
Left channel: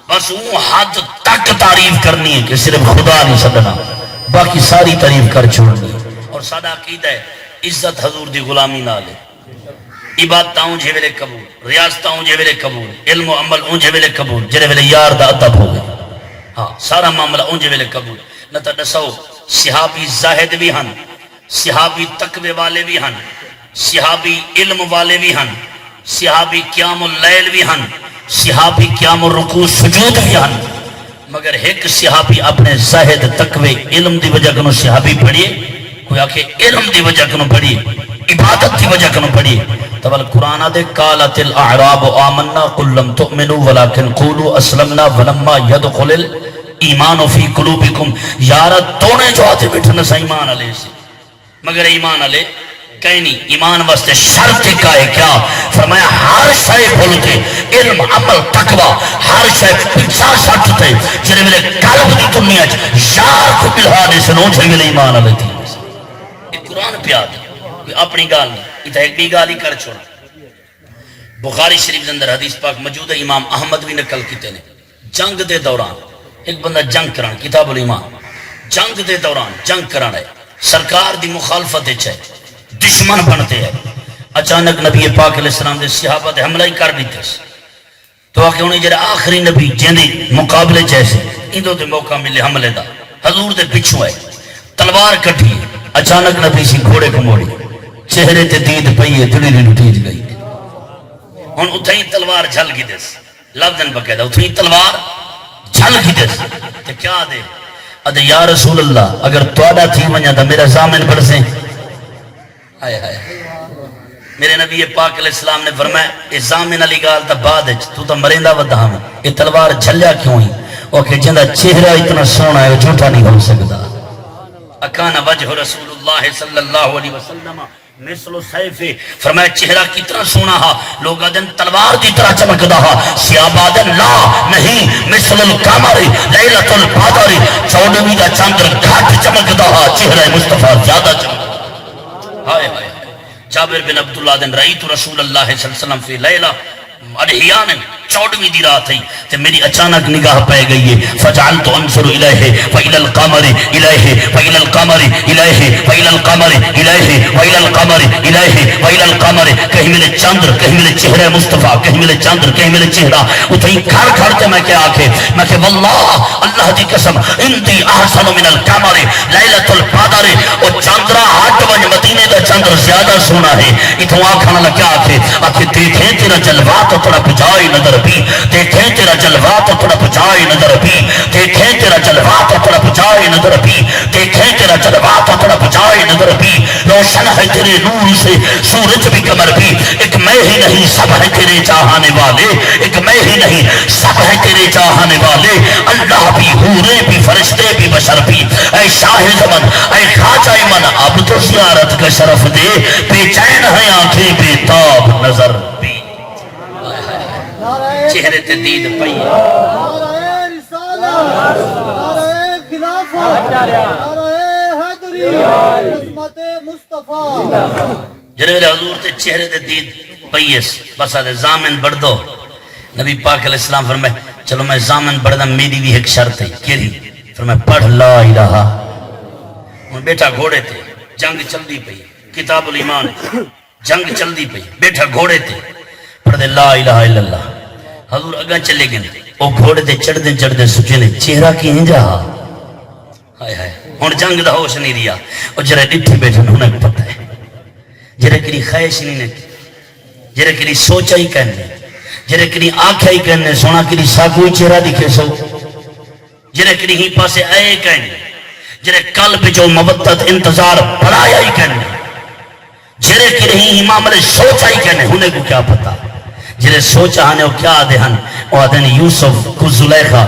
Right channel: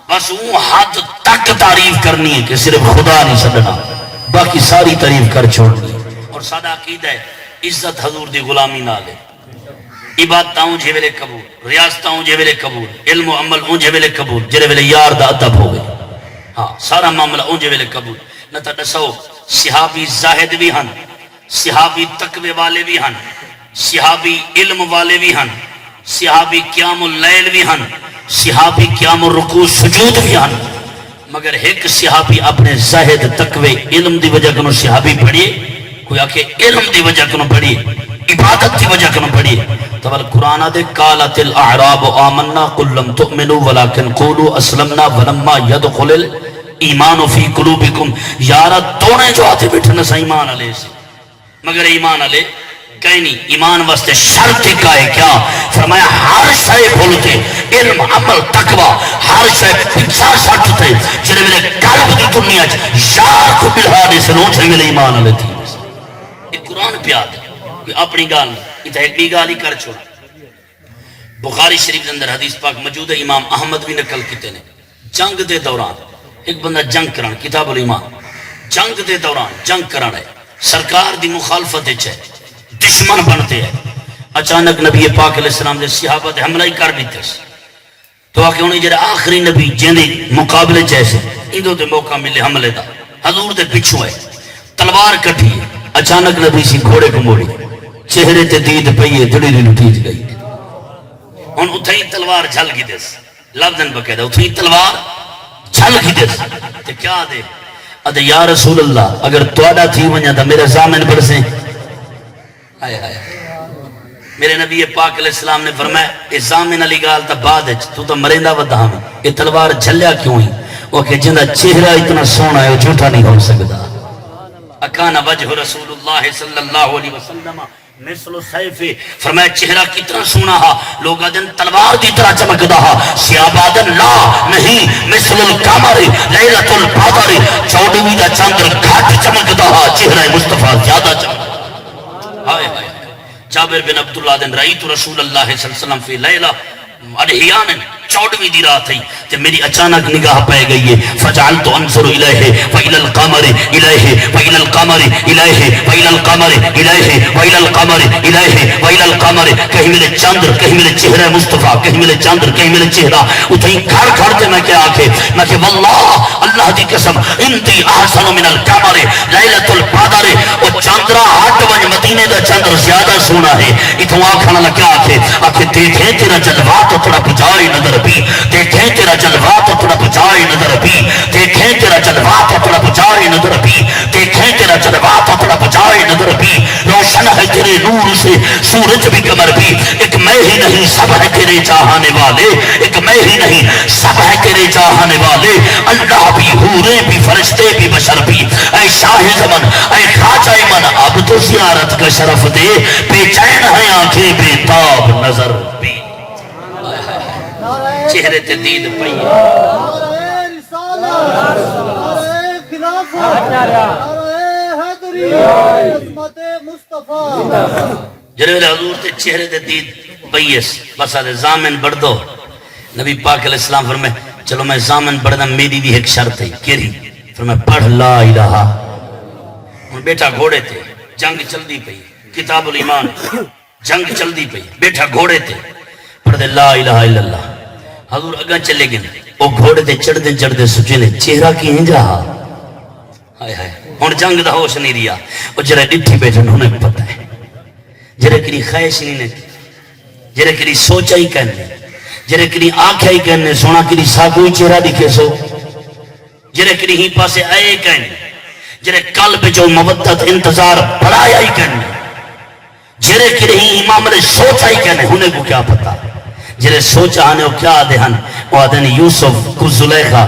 بس وہ حد تک تعریف کرنی ہے کہ صرف خدا نہیں سدنا باقی ساری تعریف کر چھوڑنی. اور سارا عقیدہ ہے عزت حضور دی غلامی نال ہے عبادتاں جے ویلے قبول ریاستاں جے ویلے قبول علم و عمل جے ویلے قبول جے ویلے یار دا ادب ہو گئے ہاں سارا معاملہ جے ویلے قبول نہ تا دسو صحابی زاہد بھی ہن صحابی تقوی والے بھی ہن صحابی علم والے بھی ہن صحابی قیام اللیل بھی ہن صحابی قیام الرکوع سجود بھی ہن مگر ایک صحابی اپنے زاہد تقوی علم دی وجہ کنو صحابی پڑھیے کوئی آکھے علم دی وجہ کنو پڑھیے عبادت کی وجہ کم پڑھی تو قرآن دے قالت الاعراب آمنا قل لم تؤمنوا ولكن قولوا اسلمنا ولما يدخل الايمان في قلوبكم. یارا تونے جو آتے بیٹھنا سا ایمان علیہ سے مگر ایمان علیہ کہیں نہیں. ایمان واسطے شرط کا ہے کیا؟ فرمایا ہر شے بھولتے علم عمل تقوی ہر شے پیچھا سٹتے جنہیں میرے قلب دی دنیا یار کو بلہانے سے نوٹ ہے میرے ایمان علیہ تھی. یہ قرآن پہ آتا اپنی گال نہیں اتنا ایک بھی گال ہی کر چھوڑا. بخاری شریف کے اندر حدیث پاک موجود ہے. امام احمد بھی نقل کیتے نے جنگ دے دوران ایک بندہ جنگ کران کتاب الایمان جنگ دے دوران جنگ کران ہے سرکار دی مخالفت ہے دشمن بنتے ہیں. اچانک نبی پاک علیہ السلام دے صحابہ دے حملہ ہی کر دیتے تو آکے انہیں جڑے آخری نبی جیندی مقابلے جیسے اندوں دے موقع ملے حملے دا حضور دے پچھو ہے تلوار کٹھی. اچانک نبی سی گھوڑے کو موڑی چہرے تے دید پئیے دلی لٹیج گئی. ہن اتھائی تلوار جھل گئی دس لفظن بقیدہ اتھائی تلوار جھل گئی دس تے کیا دے ادھے یا رسول اللہ اگر توڑا تھی ونیا دا میرا زامن پڑھ سے آئے آئے میرے نبی پاک علیہ السلام نے فرمایا اے زامن علی گال تا بعد تو تا مرندہ ودہ ہمیں یہ تلوار جھلیا کیوں ہی وہ کہ جندہ چہرہ اتنا سونا ہے وہ جھوٹا نہیں ہو سکتا. اکان وجہ رسول اللہ صلی اللہ علیہ وسلم مثل سیف فرمایا چہرہ کتنا سونا ہا لوگا دن تلوار دی طرح چمکدا ہا سیابادن لا نہیں مثل القمر لیلۃ البدر چودھویں دا چاندر گھٹ چمکدا ہا چہرہ مصطفیٰ زیادہ چمکدا. ہائے ہائے جابر بن عبداللہ دن رئیت رسول اللہ صلی اللہ علیہ وسلم فی لیلہ اڑہیان چودھویں دی رات ہے تو میری اچانک نگاہ پہ گئی ہے فجعلت انظر الیہ وإلی القمر الیہ وإلی القمر الیہ وإلی القمر الیہ وإلی القمر الیہ وإلی القمر کہیں میرے چاندر کہیں میرے چہرہ مصطفیٰ کہیں میرے چاندر کہیں میرے چہرہ اتہیں گھر گھر کے میں کیا آکے میں کہ واللہ اللہ دی قسم انتی احسن من القمر لیلۃ البدر اور چاندرہ ہٹ ونج مدینے دا چاندر زیادہ سونا ہے اتوں آکھانا لگا کیا آکھے آکھے دیکھیں تیرا جلوہ تو تھوڑا بجائے نظر بھی دیکھیں تیرا جلوہ تو تھوڑا بجائے نظر بھی دیکھیں تیرا جلوہ تو تھوڑا بجائے نظر بھی دیکھیں تیرا جلوہ تو تھوڑا بجائے نظر بھی روشن ہے تیرے نور سے سورج بھی قمر بھی ایک میں ہی نہیں سب ہے تیرے چاہانے والے ایک میں ہی نہیں سب ہے تیرے چاہانے والے اللہ بھی حورے بھی فرشتے بھی بشر بھی اے شاہ زمن اے خواجہ من اب تو زیارت کا شرف دے بے چین ہے آنکھیں بے تاب نظر بھی چہرے تے دید پئی نعرہ رسالت نعرہ خلافت نعرہ حیدری عظمت مصطفیٰ. جنہوں نے حضور تے چہرے تے دید پئیس بس آدھے زامن بڑھ دو. نبی پاک علیہ السلام فرمائے چلو میں زامن بڑھ دا میری بھی ایک شرط ہے کیری فرمائے پڑھ لا الہ. بیٹا گھوڑے تے جنگ چل دی پئی کتاب الایمان جنگ چل دی پئی بیٹا گھوڑے تے پڑھ دے لا الہ الا اللہ. حضور اگاں چلے گئے وہ گھوڑے دے چڑھ دے سچے نے چہرہ کی ہنجا ہائے ہائے ہن جنگ دا ہوش نہیں رہیا او جڑے ڈٹھی بیٹھن انہاں کو پتہ ہے جڑے کری خواہش نہیں نے جڑے کری سوچا ہی کہنے جڑے کری آنکھا ہی کہنے سونا کری ساکوئی چہرہ دکھے سو جڑے کری ہی پاسے آئے کہنے جڑے قلب جو مودت انتظار بڑھایا ہی کہنے جڑے کری ہی معاملے سوچا ہی کہنے انہیں کو کیا پتہ جنہیں سوچا ہنے وہ کیا آدھے ہن وہ آدھے یوسف کو زلیخہ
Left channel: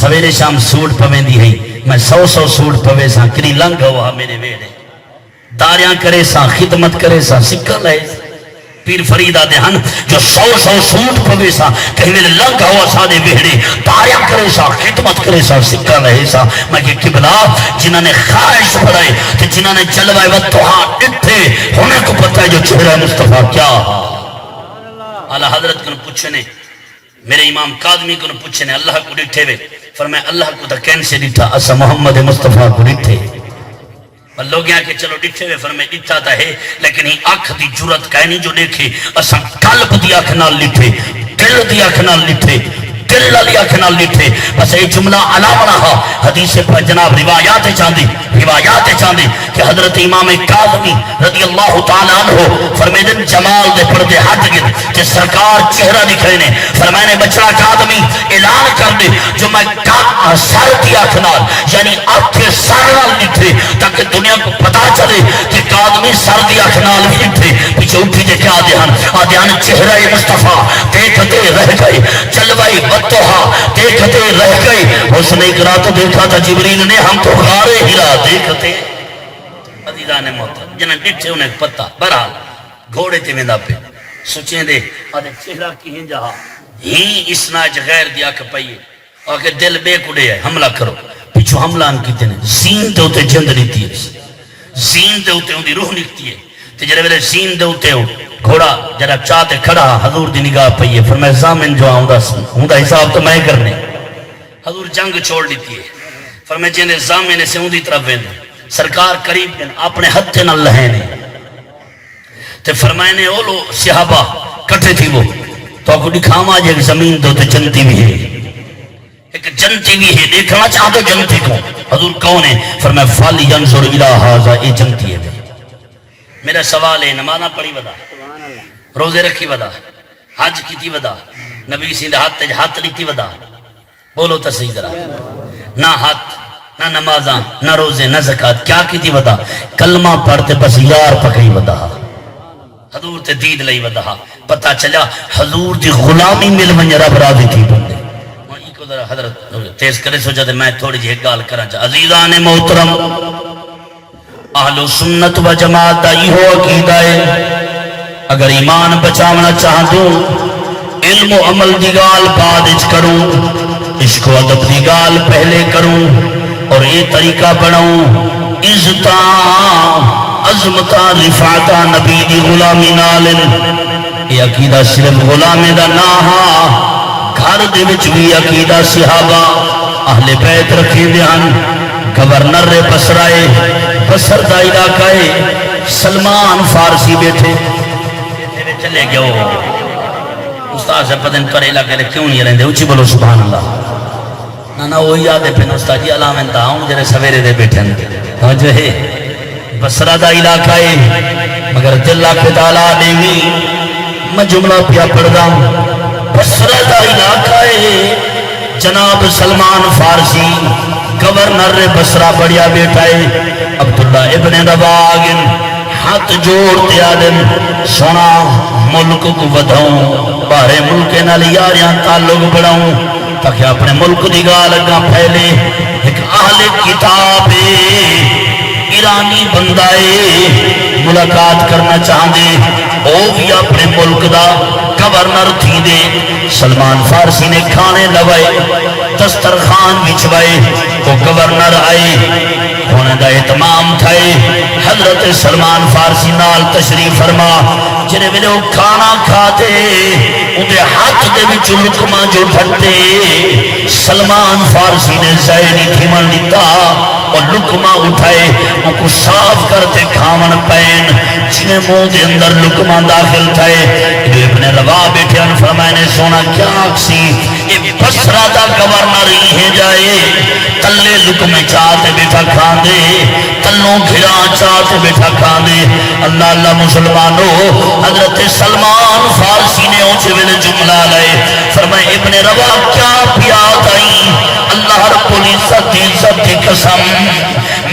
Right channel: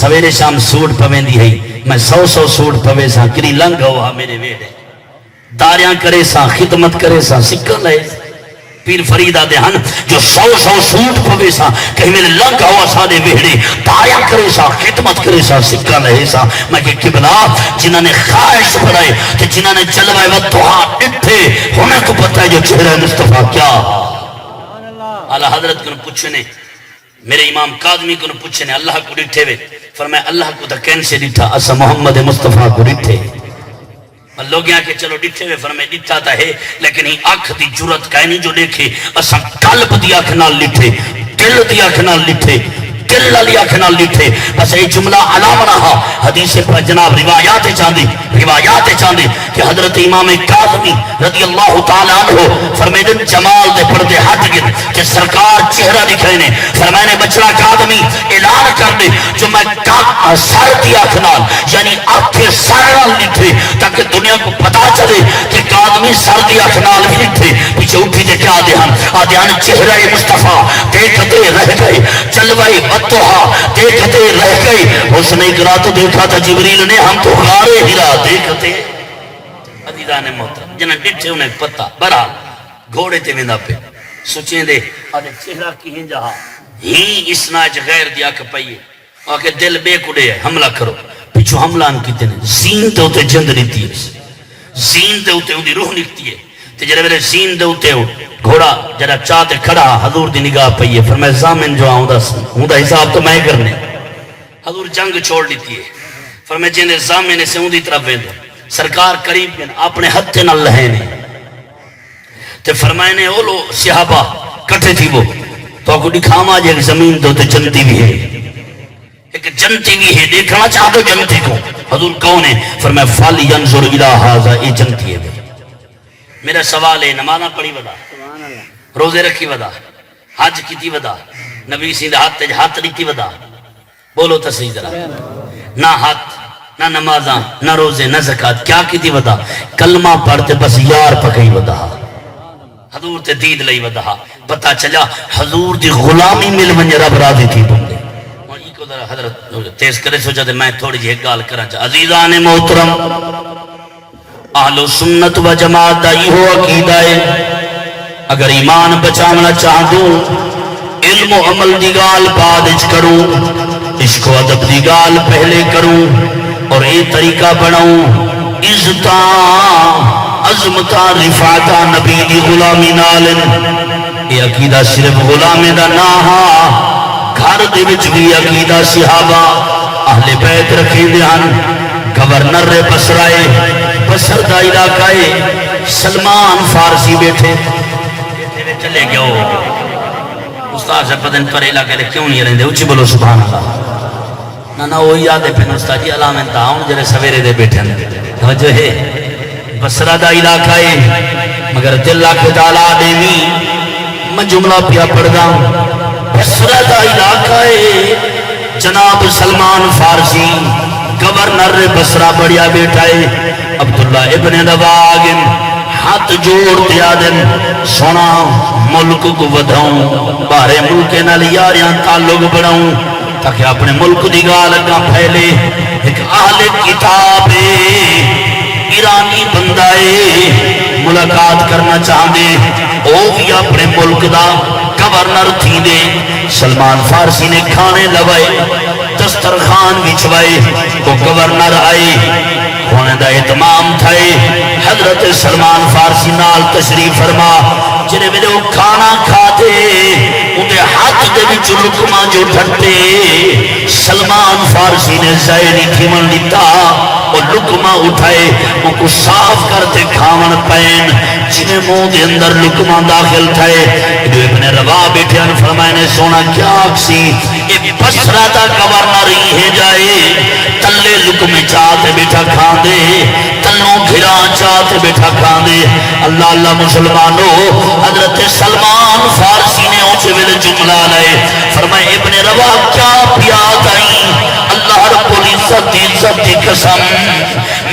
سویرے شام سوڑ پویں دی ہے میں 100 سوڑ پویں ساں کری لنگ ہوا میرے ویڑے داریاں کرے ساں خدمت کرے ساں سکھا لے پیر فرید آدھے ہن جو 100 سوڑ پویں ساں کہیں میرے لنگ ہوا سادے ویڑے داریاں کرے ساں خدمت کرے ساں سکھا لے ساں میں کہ قبلہ جنہوں نے خواہش بڑھائے کہ جنہوں نے جلوائے وطوہاں اٹھے ہمیں کو پتہ ہے جو چہرہ مصطفیٰ کیا اعلیٰ حضرت کو پوچھنے میرے امام قادمی کو پوچھنے اللہ کو ڈٹھے وے فرمایا اللہ کو تا کین سے ڈٹھا اسا محمد مصطفیٰ کو ڈٹھے لوگ یہاں کہ چلو ڈٹھے وے فرمایا ڈٹھا تا ہے لیکن ہی آنکھ دی جرت کہنی جو دیکھے اسا قلب دی آنکھ نال لٹھے دل دی آنکھ نال لٹھے دل علی آنکھ نال لٹھے بس یہ جملہ علام رہا حدیث پر جناب روایات چاندی کہ حضرت امام قادمی رضی اللہ تعالیٰ عنہ فرمیدن جمال دے پردے ہٹ گئے کہ سرکار چہرہ دکھے نے فرمائنے بچڑا قادمی اعلان کر دے جو میں سر دی آنکھ نال یعنی آنکھ سر نال لٹھے تاکہ دنیا کو پتا چلے دے کہ آدمی سردی اٹھ نال بیٹھے پیچھے اٹھی تے کیا دہن آدھیان چہرہ مصطفیٰ دیکھتے رہ گئے جلوہ بطوحا دیکھتے رہ گئے اس نے اقرا تو دیکھا تھا جبریل نے ہم تو غار ہرا دیکھتے عزیزان محترم جنہاں ڈٹھے انہیں پتہ برحال گھوڑے تے ویندا پہ سوچیں دے آدھے چہرہ کی ہیں جہاں ہی اسناج غیر دیا کہ پئیے اور کہ دل بے کڑے ہے حملہ کرو پیچھو حملہ ہم کیتے ہیں زین تے ہوتے جند لیتی ہے زین تے ہوتے ان دی روح نکتی ہے تے جرے میرے زین تے ہوتے ہو گھوڑا جرا چاہتے کھڑا حضور دی نگاہ پئیے فرمائے زامن جو آؤں دا حساب تو میں کرنے حضور جنگ چھوڑ لیتی ہے فرمائے جنہیں زامن سے ان دی طرف ویندے سرکار قریب کن اپنے ہتھے نہ لہینے تے فرمائے نے اولو صحابہ کٹھے تھی وہ تو آپ کو دکھاما جائے ایک زمین دو تے جنتی بھی ہے ایک جنتی بھی ہے دیکھنا چاہتا جنتی کو حضور کون ہے فرمائے فالی ینظر الہ ھذا اے جنتی ہے میرا سوال ہے نمازہ پڑھی ودا روزے رکھی ودا حج کی تھی ودا نبی سیدھا ہاتھ لیتی ودا بولو تا صحیح ذرا نہ ہاتھ نہ نمازاں نہ روزے نہ زکاة کیا کی تھی ودا کلمہ پڑھتے بس یار پکئی ودا حضور تے دید لئی ودا پتہ چلا حضور دی غلامی مل من رب راضی تھی بندے کو ذرا حضرت تیز کرے سوچا تے میں تھوڑی جی ایک گال کرا چاہ عزیزان محترم اہل سنت و جماعت دائی ہو عقیدہ ہے اگر ایمان بچانا چاہ دوں علم و عمل دی گال بعد اچ کروں عشق و ادب دی گال پہلے کروں اور یہ طریقہ بڑھاؤں عزتاں عظمتاں رفعتاں نبی دی غلامی نالن یہ عقیدہ صرف غلامی دا ناہا گھر دے وچ بھی عقیدہ صحابہ اہل بیت رکھی دیان گورنر بصرائے بصر دا علاقہ سلمان فارسی بیٹھے چلے گیا ہو استاد سے پتن پر علاقہ لے کیوں نہیں رہندے اچھی بولو سبحان اللہ نہ وہی یادے پھر استاد جی علامہ انتہاؤں جرے سویرے دے بیٹھے تو جو ہے بصرہ دا علاقہ ہے مگر دل کو تعالیٰ دیوی میں جملہ پیا پڑھدا بصرہ دا علاقہ ہے جناب سلمان فارسی گورنر بصرہ بڑیا بیٹھا ہے عبداللہ ابن رواغن ہاتھ جوڑ دیا دن سونا ملک کو ودھاؤں بارے ملک نال یاریاں تعلق بڑھاؤں تاکہ اپنے ملک دی گال اگاں پھیلے ایک اہل کتاب ایرانی بندائے ملاقات کرنا چاہاں دے او بھی اپنے ملک دا گورنر تھی دے سلمان فارسی نے کھانے لوائے دسترخوان بچھوائے وہ گورنر آئے ہونے دا اہتمام تھائے حضرت سلمان فارسی نال تشریف فرما جنہیں ملے وہ کھانا کھاتے انہیں ہاتھ دے بھی لقمہ جو ڈھٹتے سلمان فارسی نے زائری تھیمن دیتا اور لقمہ اٹھائے ان کو صاف کرتے کھامن پین جنہیں منہ دے اندر لقمہ داخل تھائے جو ابن روا بیٹھے ان فرمائے نے سونا کیا اکسی یہ بصرہ دا گورنر ہی ہے جائے تلے لقمے چاہتے بیٹھا کھان دے تلوں گھرا چاہتے بیٹھا کھان دے اللہ اللہ مسلمانوں حضرت سلمان فارسی نے اونچے ویلے جملہ لائے فرمائے ابن روا کیا پیاد آئی اللہ رب العزت عزت قسم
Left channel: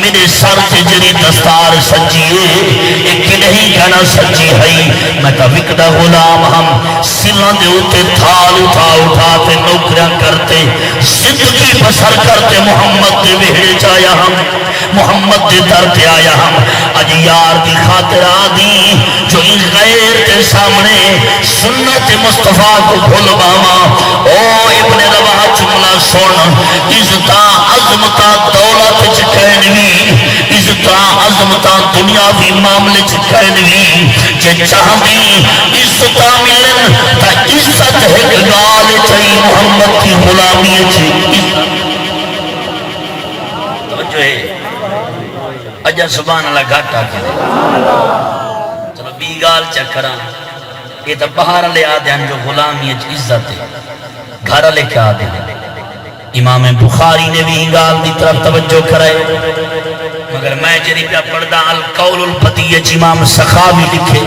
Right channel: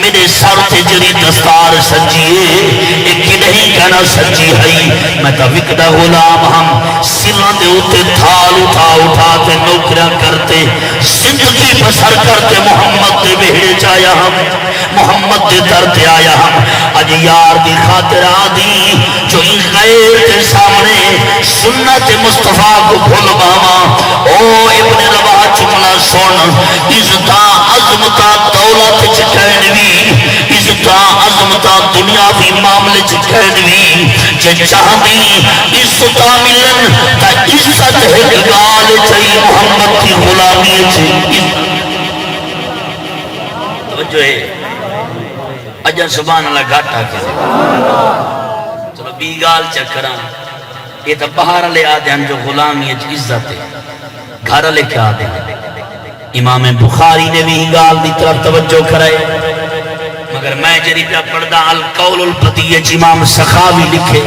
میرے سر تے جری دستار سجیے ایک نہیں کنا سجی ہے میں تا وکدہ غلام ہم سران دے ہوتے تھال اٹھا کے نوکرہ کرتے زندگی بسر کرتے محمد دے بہڑے چایا ہم محمد دے درتے آیا ہم اج یار دی خاطر آدھی جو ان غیر کے سامنے سنت مصطفیٰ کو بھول باما او ابن روا جملہ سن عزتاں عظمتاں دولت چکینوی عزتاں عظمتاں دنیاوی معاملے چکینوی جے چاہدی عزتاں ملن تا عزت ہے گال چاہی محمد کی غلامی چاہی توجہ ہے اجا سبحان اللہ گھاٹا کے چلو بی گال چکران یہ تو باہر لے آدھے ہیں جو غلامی عزت ہے گھر لے کے آدھے ہیں امام بخاری نے بھی گال دی طرف توجہ کرائے مگر میں جری پہ پڑھدا القول الفدیج امام سخاوی لکھے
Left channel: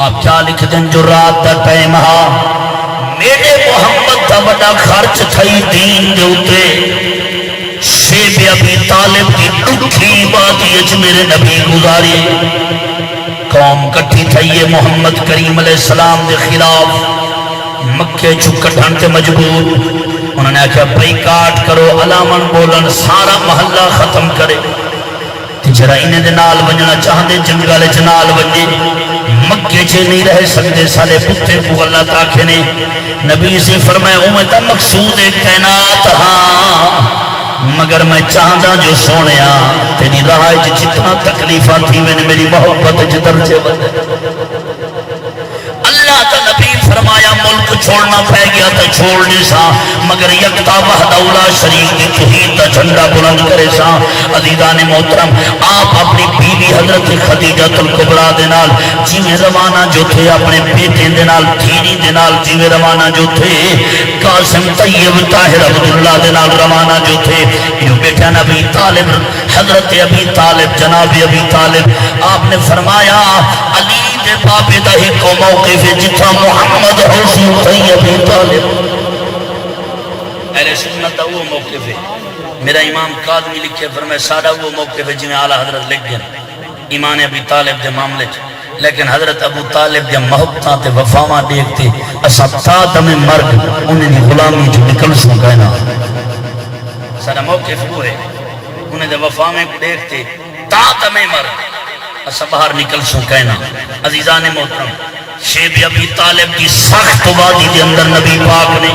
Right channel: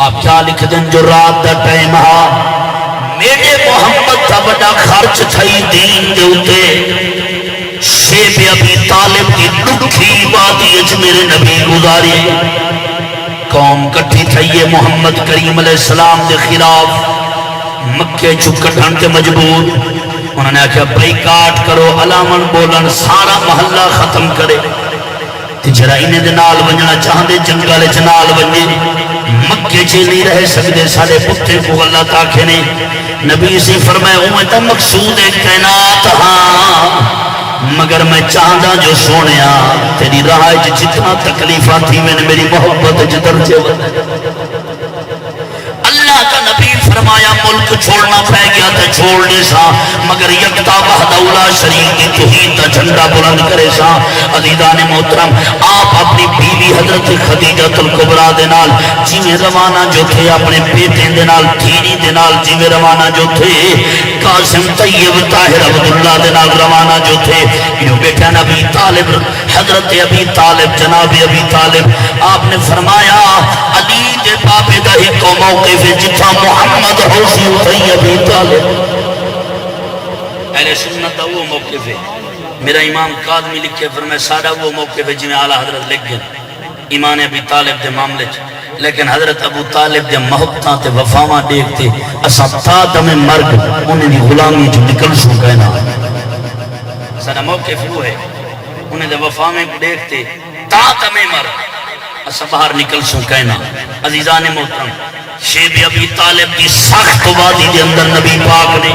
آپ کیا لکھ دیں جو رات دا ٹائم ہا میرے محمد دا بڑا خرچ تھئی دین دے اتے شیب ابی طالب کی دکھی وادی اچ میرے نبی گزاری قوم کٹھی تھئیے محمد کریم علیہ السلام دے خلاف مکے چکٹھن کے مجبور انہوں نے کہا بائیکاٹ کرو علامن بولن سارا محلہ ختم کرے جرا انہیں دے نال ونجنا چاہندے جنگل چنال ونجے مکے چھے نہیں رہ سکتے سارے پتے کو اللہ تاکھے نے نبی سے فرمائے امت مقصود کائنات ہاں مگر میں چاہندہ جو سونیا تیری راہ جتنا تکلیفہ تھی میں نے میری محبت جدر سے اللہ کا نبی فرمایا ملک چھوڑنا پہ گیا تھا چھوڑ نہیں سا مگر یکتا وحدہ اولا شریف کی توحید کا جھنڈا بلند کرے سا عزیزان محترم آپ اپنی بیوی حضرت خدیجہ الکبریٰ دے نال جیویں روانہ جو تھے اپنے بیٹے دے نال دھیری دے نال جیویں روانہ جو تھے قاسم طیب طاہر عبداللہ دے نال روانہ جو تھے یہ بیٹا نبی طالب حضرت ابی طالب جناب ابی طالب آپ نے فرمایا علی دے بابے دا ہی تو موقف ہے جتھا محمد حوثی طیب ابی طالب اہل سنت دا وہ موقف ہے میرا امام قادمی لکھے فرمائے سادہ وہ موقف ہے جنہیں اعلیٰ حضرت لکھ گئے ایمان ابی طالب دے معاملے لیکن حضرت ابو طالب دے محبتاں تے وفاواں دیکھتے اسا تا دم مرگ انہیں دی غلامی جو نکل سکانا سادہ موقف وہ ہے انہیں دے وفاواں کو دیکھتے تا دم مرگ اسا باہر نکل سکانا عزیزان محترم شیب ابی طالب کی سخت وادی دے اندر نبی پاک نے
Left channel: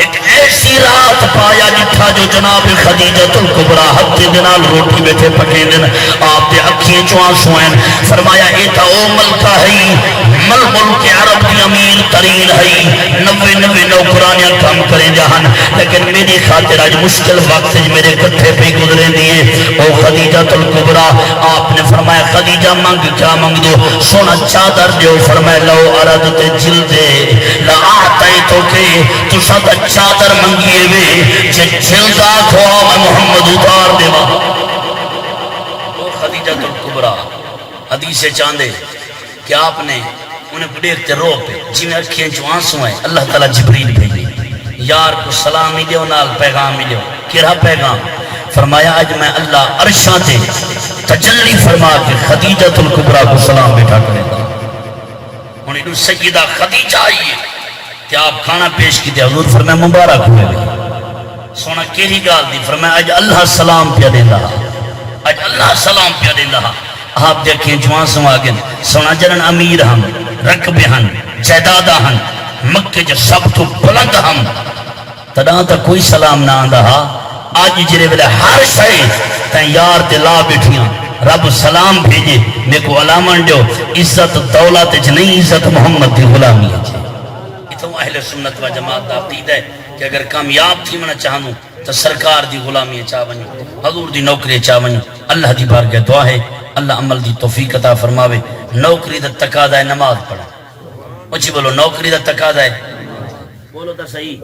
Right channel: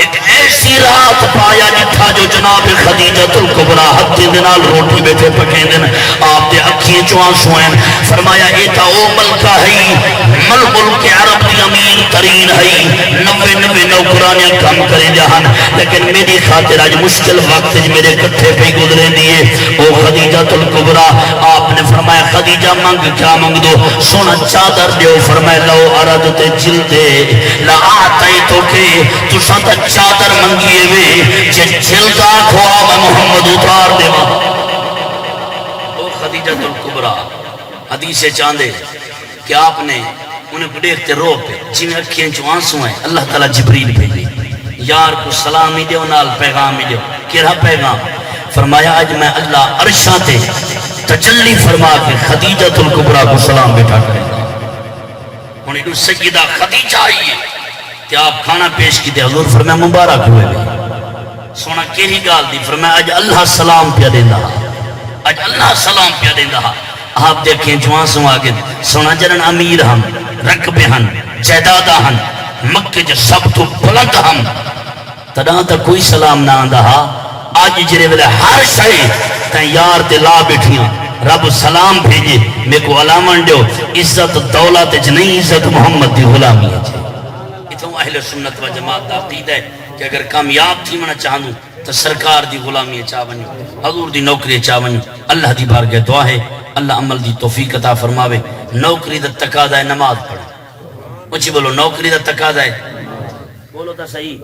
ایک ایسی رات پایا جتھا جو جناب خدیجہ الکبریٰ ہتھے دنال روٹی بیٹھے پکیں دن آپ دے اکھیں چوان سوئن فرمایا ایتا او ملکہ ہے ملک عرب دی امین ترین ہے 99 نوکرانیاں کام کریں جہاں لیکن میری خاطر آج مشکل وقت میرے کٹھے پہ گزرے دیئے او خدیجہ الکبریٰ آپ نے فرمایا خدیجہ منگ کیا منگ دو سونا چادر دیو فرمایا لو عرض تے جلدے لا آتے تو کہ تو ساتھ چادر منگیے وے جلدہ کھوا میں محمد اتار دے وہاں او خدیجہ الکبریٰ حدیث چاندے کہ آپ نے انہیں کو دیکھتے رو پہ جی میں اکھیں جو آنسوں ہیں اللہ تعالیٰ جبریل بھیجے یار کو سلام ہی دیو نال پیغام ہی دیو کیا پیغام فرمایا آج میں اللہ عرشاں تے تجلی فرما کے خدیجہ الکبریٰ کو سلام بیٹھا کریں انہیں تو سیدہ خدیجہ آئیے کہ آپ کھانا پیش کی دے حضور فرمایا مبارک ہوئے گا سونا کیری گال دی فرمایا آج اللہ سلام پیا دیندہ آج اللہ سلام پیا دیندہ آپ دیکھیں جوان سو آگے سونا جرن امیر ہم رقبے ہم جائدادہ ہم مکہ جو سب تو بلند ہم تدان تا کوئی سلام نہ آندہ آج جرے بلے ہر شئے تین یار دلا بیٹھیاں رب سلام بھیجے میں کو علامن دیو عزت دولت جنہیں عزت محمد دی غلامی ہے تو اہل سنت و جماعت دا عقید ہے کہ اگر کامیاب تھی منہ چاہنوں تو سرکار دی غلامی چاہ بنو حضور دی نوکری چاہ بنو اللہ دی بارگاہ دعا ہے اللہ عمل دی توفیق عطا فرماوے نوکری دا تقاضا ہے نماز پڑھو اچھی بولو نوکری دا تقاضا ہے بولو تا صحیح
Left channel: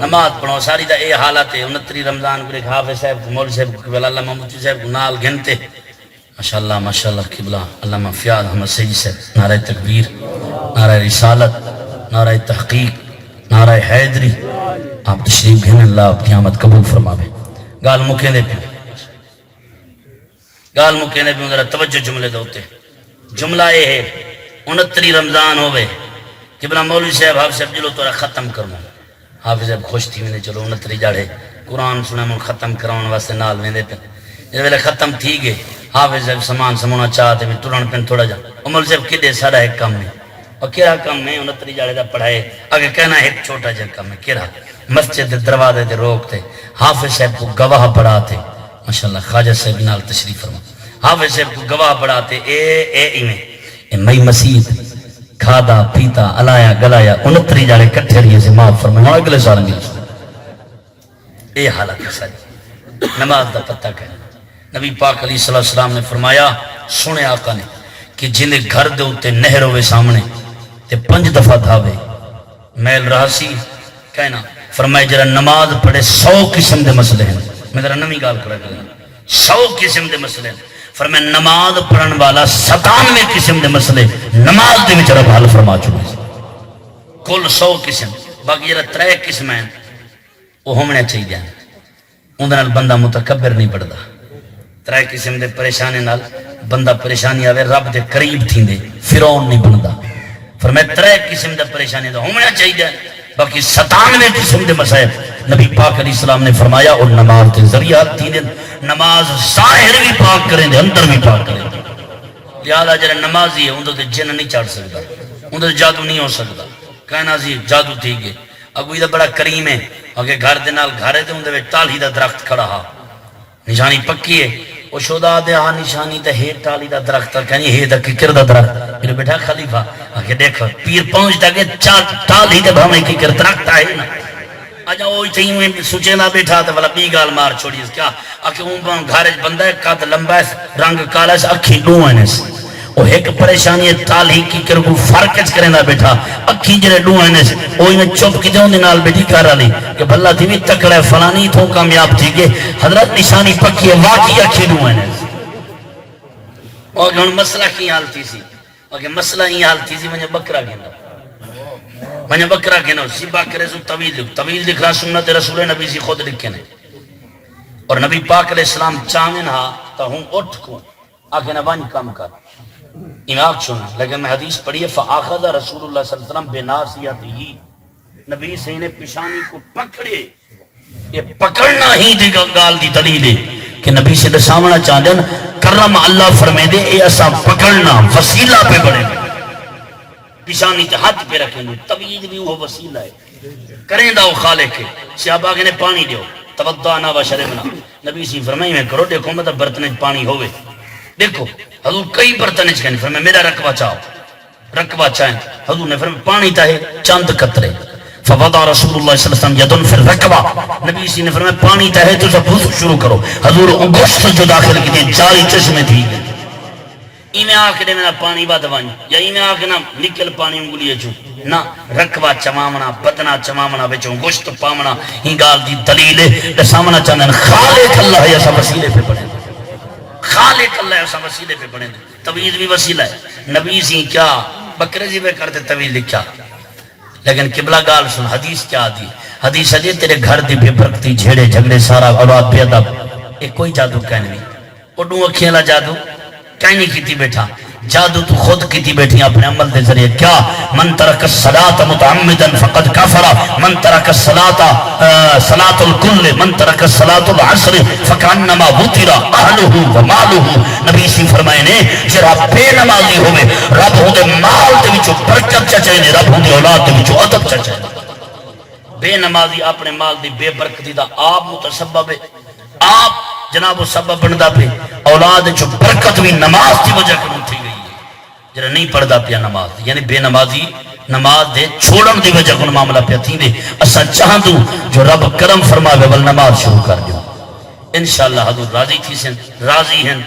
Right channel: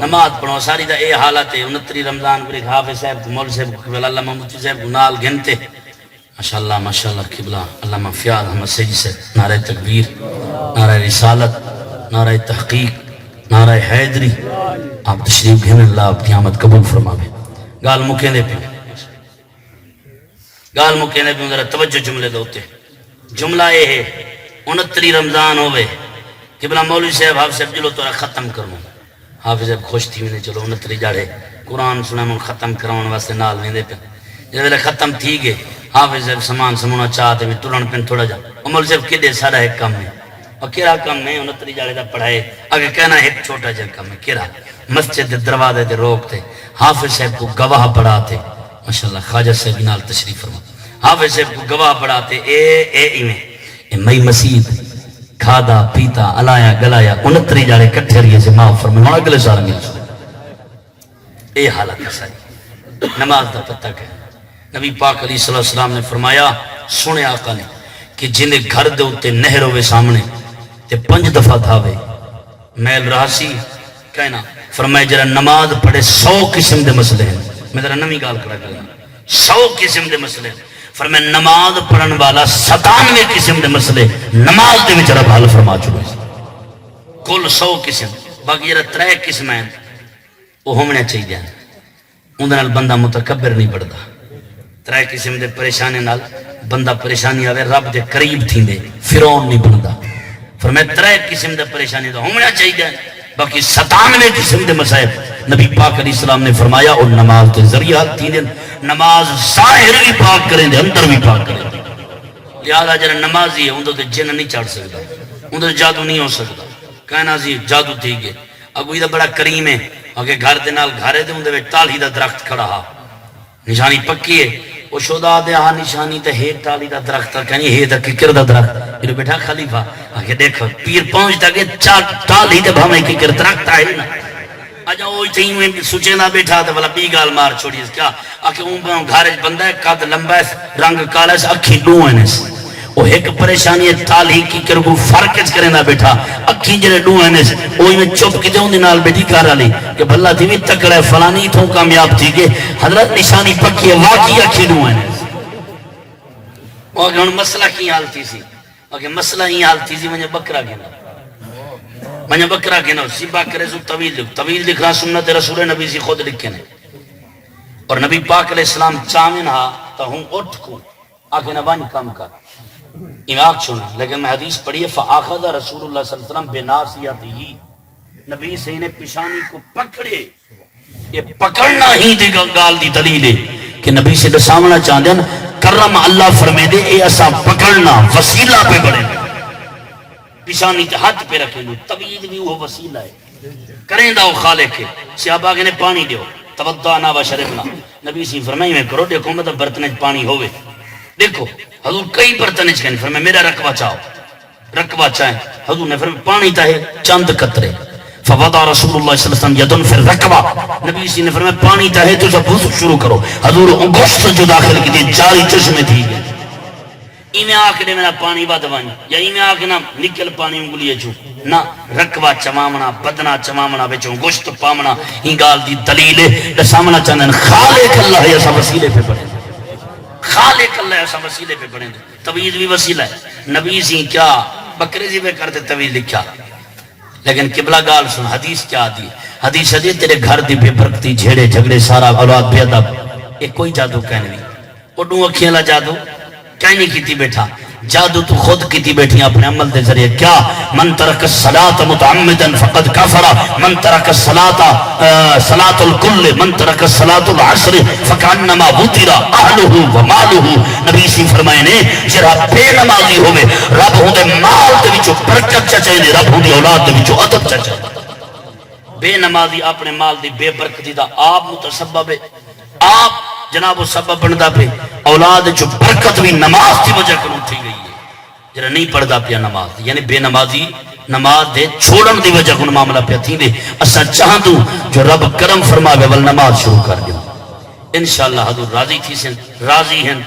نماز پڑھو ساری دا اے حالت ہے 29 رمضان کو ایک حافظ صاحب کو مول صاحب کو اللہ محمود صاحب کو نال گھنتے ماشاءاللہ قبلہ علامہ فیاض احمد سیدی صاحب نعرہ تکبیر نعرہ رسالت نعرہ تحقیق نعرہ حیدری آپ تشریف گھن اللہ آپ کی آمد قبول فرماوے گال مکین دے پہ ذرا توجہ جملے دوتے جملہ یہ ہے 29 رمضان ہوئے کہ بنا مولوی صاحب حافظ صاحب جلو تورا ختم کرنا حافظ صاحب خوش تھی میں نے چلو 29 جاڑے قرآن سنے من ختم کراؤن واسطے نال میں دے پہ جب ویلے ختم تھی گئے حافظ صاحب سامان سمونا چاہتے بھی تران پہ تھوڑا جا مولوی صاحب کدے سارا ایک کام میں اور کیرا کام میں 29 جاڑے دا پڑھائے اگر کہنا ایک چھوٹا جا کام میں کیرا مسجد دروازے دے روکتے حافظ صاحب کو گواہ پڑھاتے ماشاءاللہ خواجہ صاحب نال تشریف فرما حافظ صاحب کو گواہ پڑھاتے اے مئی مسیح کھادا پیتا علایا گلایا 29 جاڑے کٹھے رہی سے معاف فرمائے ہوں اگلے سال نہیں اے حالت ہے ساری نماز دا پتہ کہنا نبی پاک علیہ السلام نے فرمایا سنے آقا نے کہ جنہیں گھر دے ہوتے نہر ہوئے سامنے تے 5 دفعہ دھاوے میل رہاسی کہنا فرمائے جرا نماز پڑھے 100 قسم دے مسئلے ہیں میں ذرا نمی گال کرا گیا 100 قسم دے مسئلے ہیں فرمائے نماز پڑھن والا 97 قسم دے مسئلے نماز دے وچ رب حل فرما چکے کل 100 قسم باقی جرا 3 قسم ہیں وہ ہونے چاہیے اندر بندہ متکبر نہیں بڑھتا. ترائے قسم دے پریشانے نال بندہ پریشانی آوے رب دے قریب تھیندے فرعون نہیں بنتا. فرمایا ترائے قسم دے پریشانی دا ہونا چاہیے. باقی 97 قسم دے مسائل نبی پاک علیہ السلام نے فرمایا اور نماز کے ذریعہ تھیندے. نماز ظاہر بھی پاک کریں دے اندر بھی پاک کریں دے. لہذا جڑا نمازی ہے اندر تے جن نہیں چڑھ سکتا, اندر جادو نہیں ہو سکتا. کہنا سی جادو تھی گئے اگو یہ بڑا کریم ہے اگے گھر دے نال گھرے دے اندر ٹالی دا درخت کھڑا ہا نشانی پکی ہے. وہ شودا دے ہا نشانی تے ہے ٹالی دا درخت کہنی ہے دا ککر دا درخت. پھر بیٹھا خلیفہ آگے دیکھ پیر پہنچتا کہ ٹالی تے بھاویں ککر درخت آئے نا آجا وہ تھی سوچے نہ بیٹھا تو والا بی گال مار چھوڑی کیا آکے اون گھارج بندہ ہے قد لمبا ہے رنگ کالا ہے اکھی ڈوں ہیں وہ ایک پریشانی ہے ٹالی کی کرگو فرقچ کریں دا بیٹھا اکھی جرے ڈوں ہیں وہی میں چپ کی جاؤں دے نال بیٹھی کارا لی کہ بھلا تھی بھی تکڑے فلانی تھوں کامیاب تھی کہ حضرت نشانی پکی ہے واقعی اکھی ڈوں ہیں. اور گھن مسئلہ کی حال تھی سی اگر مسئلہ ہی حال تھی سی مجھے بکرا گنا سی باکرے سو طویل لکھا سنت رسول نبی سی خود لکھے نے. اور نبی پاک علیہ السلام چاہمن ہاں تا ہوں اٹھ کو آگے نوانی کام کر امام چنا. لیکن میں حدیث پڑھی ہے فآخذ رسول اللہ صلی اللہ علیہ وسلم بناصیتہ نبی سے نے پیشانی کو پکڑے. یہ پکڑنا ہی دی گال دی دلیل ہے کہ نبی سے سامنا چاہتے ہیں کرم اللہ فرمے دے اے ایسا پکڑنا وسیلہ پہ بڑھے پیشانی تے ہاتھ پہ رکھیں گے. طویل بھی وہ وسیلہ ہے کریں دا وہ خالق ہے. صحابہ نے پانی دیو توضعنا وشربنا نبی سی فرمائی میں کرو دیکھو میں تو برتن پانی ہوئے دیکھو حضور کئی برتن کہنے فرمایا میرا رقبہ چاہو رقبہ چاہیں حضور نے فرمایا پانی تاہے چند قطرے فوضع رسول اللہ صلی اللہ علیہ وسلم یدن فی الرقبہ نبی سی نے فرمایا پانی تاہے تو سب وضو شروع کرو. حضور گوشت جو داخل کی تھی جاری چشمے تھی ایمیں آکڑے میں پانی بات بانی یا ایمیں آکڑے نکل پانی انگلی چو نہ رقبہ چمامنا بدنا چمامنا بچوں گوشت پامنا ہی گال دی دلیل سامنا چاندن خالق اللہ ایسا وسیلے پہ پڑھیں خالق اللہ ایسا وسیلے پہ پڑھیں. طویل بھی وسیلہ ہے نبی سی کیا بکرے جی پہ کرتے طویل لکھا. لیکن قبلہ گال سن حدیث کیا دی حدیث ہے تیرے گھر دی بے برکتی جھیڑے جھگڑے سارا اولاد بے ادب ایک کوئی جادو کہنے نہیں اڈوں اکھیلا جادو کہنی کی تھی بیٹھا جادو تو خود کی تھی بیٹھی اپنے عمل دے ذریعے کیا من ترک الصلاة متعمدا فقد کافر من ترک الصلاة صلاة الکل من ترک الصلاة العصر فکانما وطر اہلہ ومالہ. نبی سی فرمائے نے جرا بے نمازی ہوئے رب ہوں دے مال دے وچو برکت چاچے نے رب ہوں دے اولاد دے وچو عطب چاچے. بے نمازی اپنے مال دی بے برکتی دا آپ متسبب ہے آپ جناب وہ سبب بندہ پہ اولاد جو برکت بھی نماز کی وجہ کروں تھی گئی ہے جنہا نہیں پڑھدا پیا نماز یعنی بے نمازی نماز دے چھوڑن دی وجہ کن معاملہ پیا تھی دے. اسا چاہاں دوں جو رب کرم فرمائے بل نماز شروع کر دوں انشاءاللہ. حضور راضی تھی سن راضی ہیں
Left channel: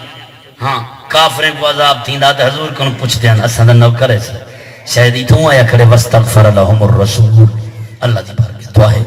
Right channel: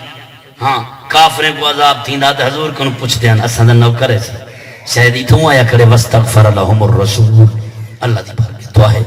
ہاں کافریں کو عذاب تھی داد حضور کن پوچھتے ہیں اسا نو کرے سے شاید ہی تو آیا کرے وستغفر لهم الرسول اللہ دی بارک دعا ہے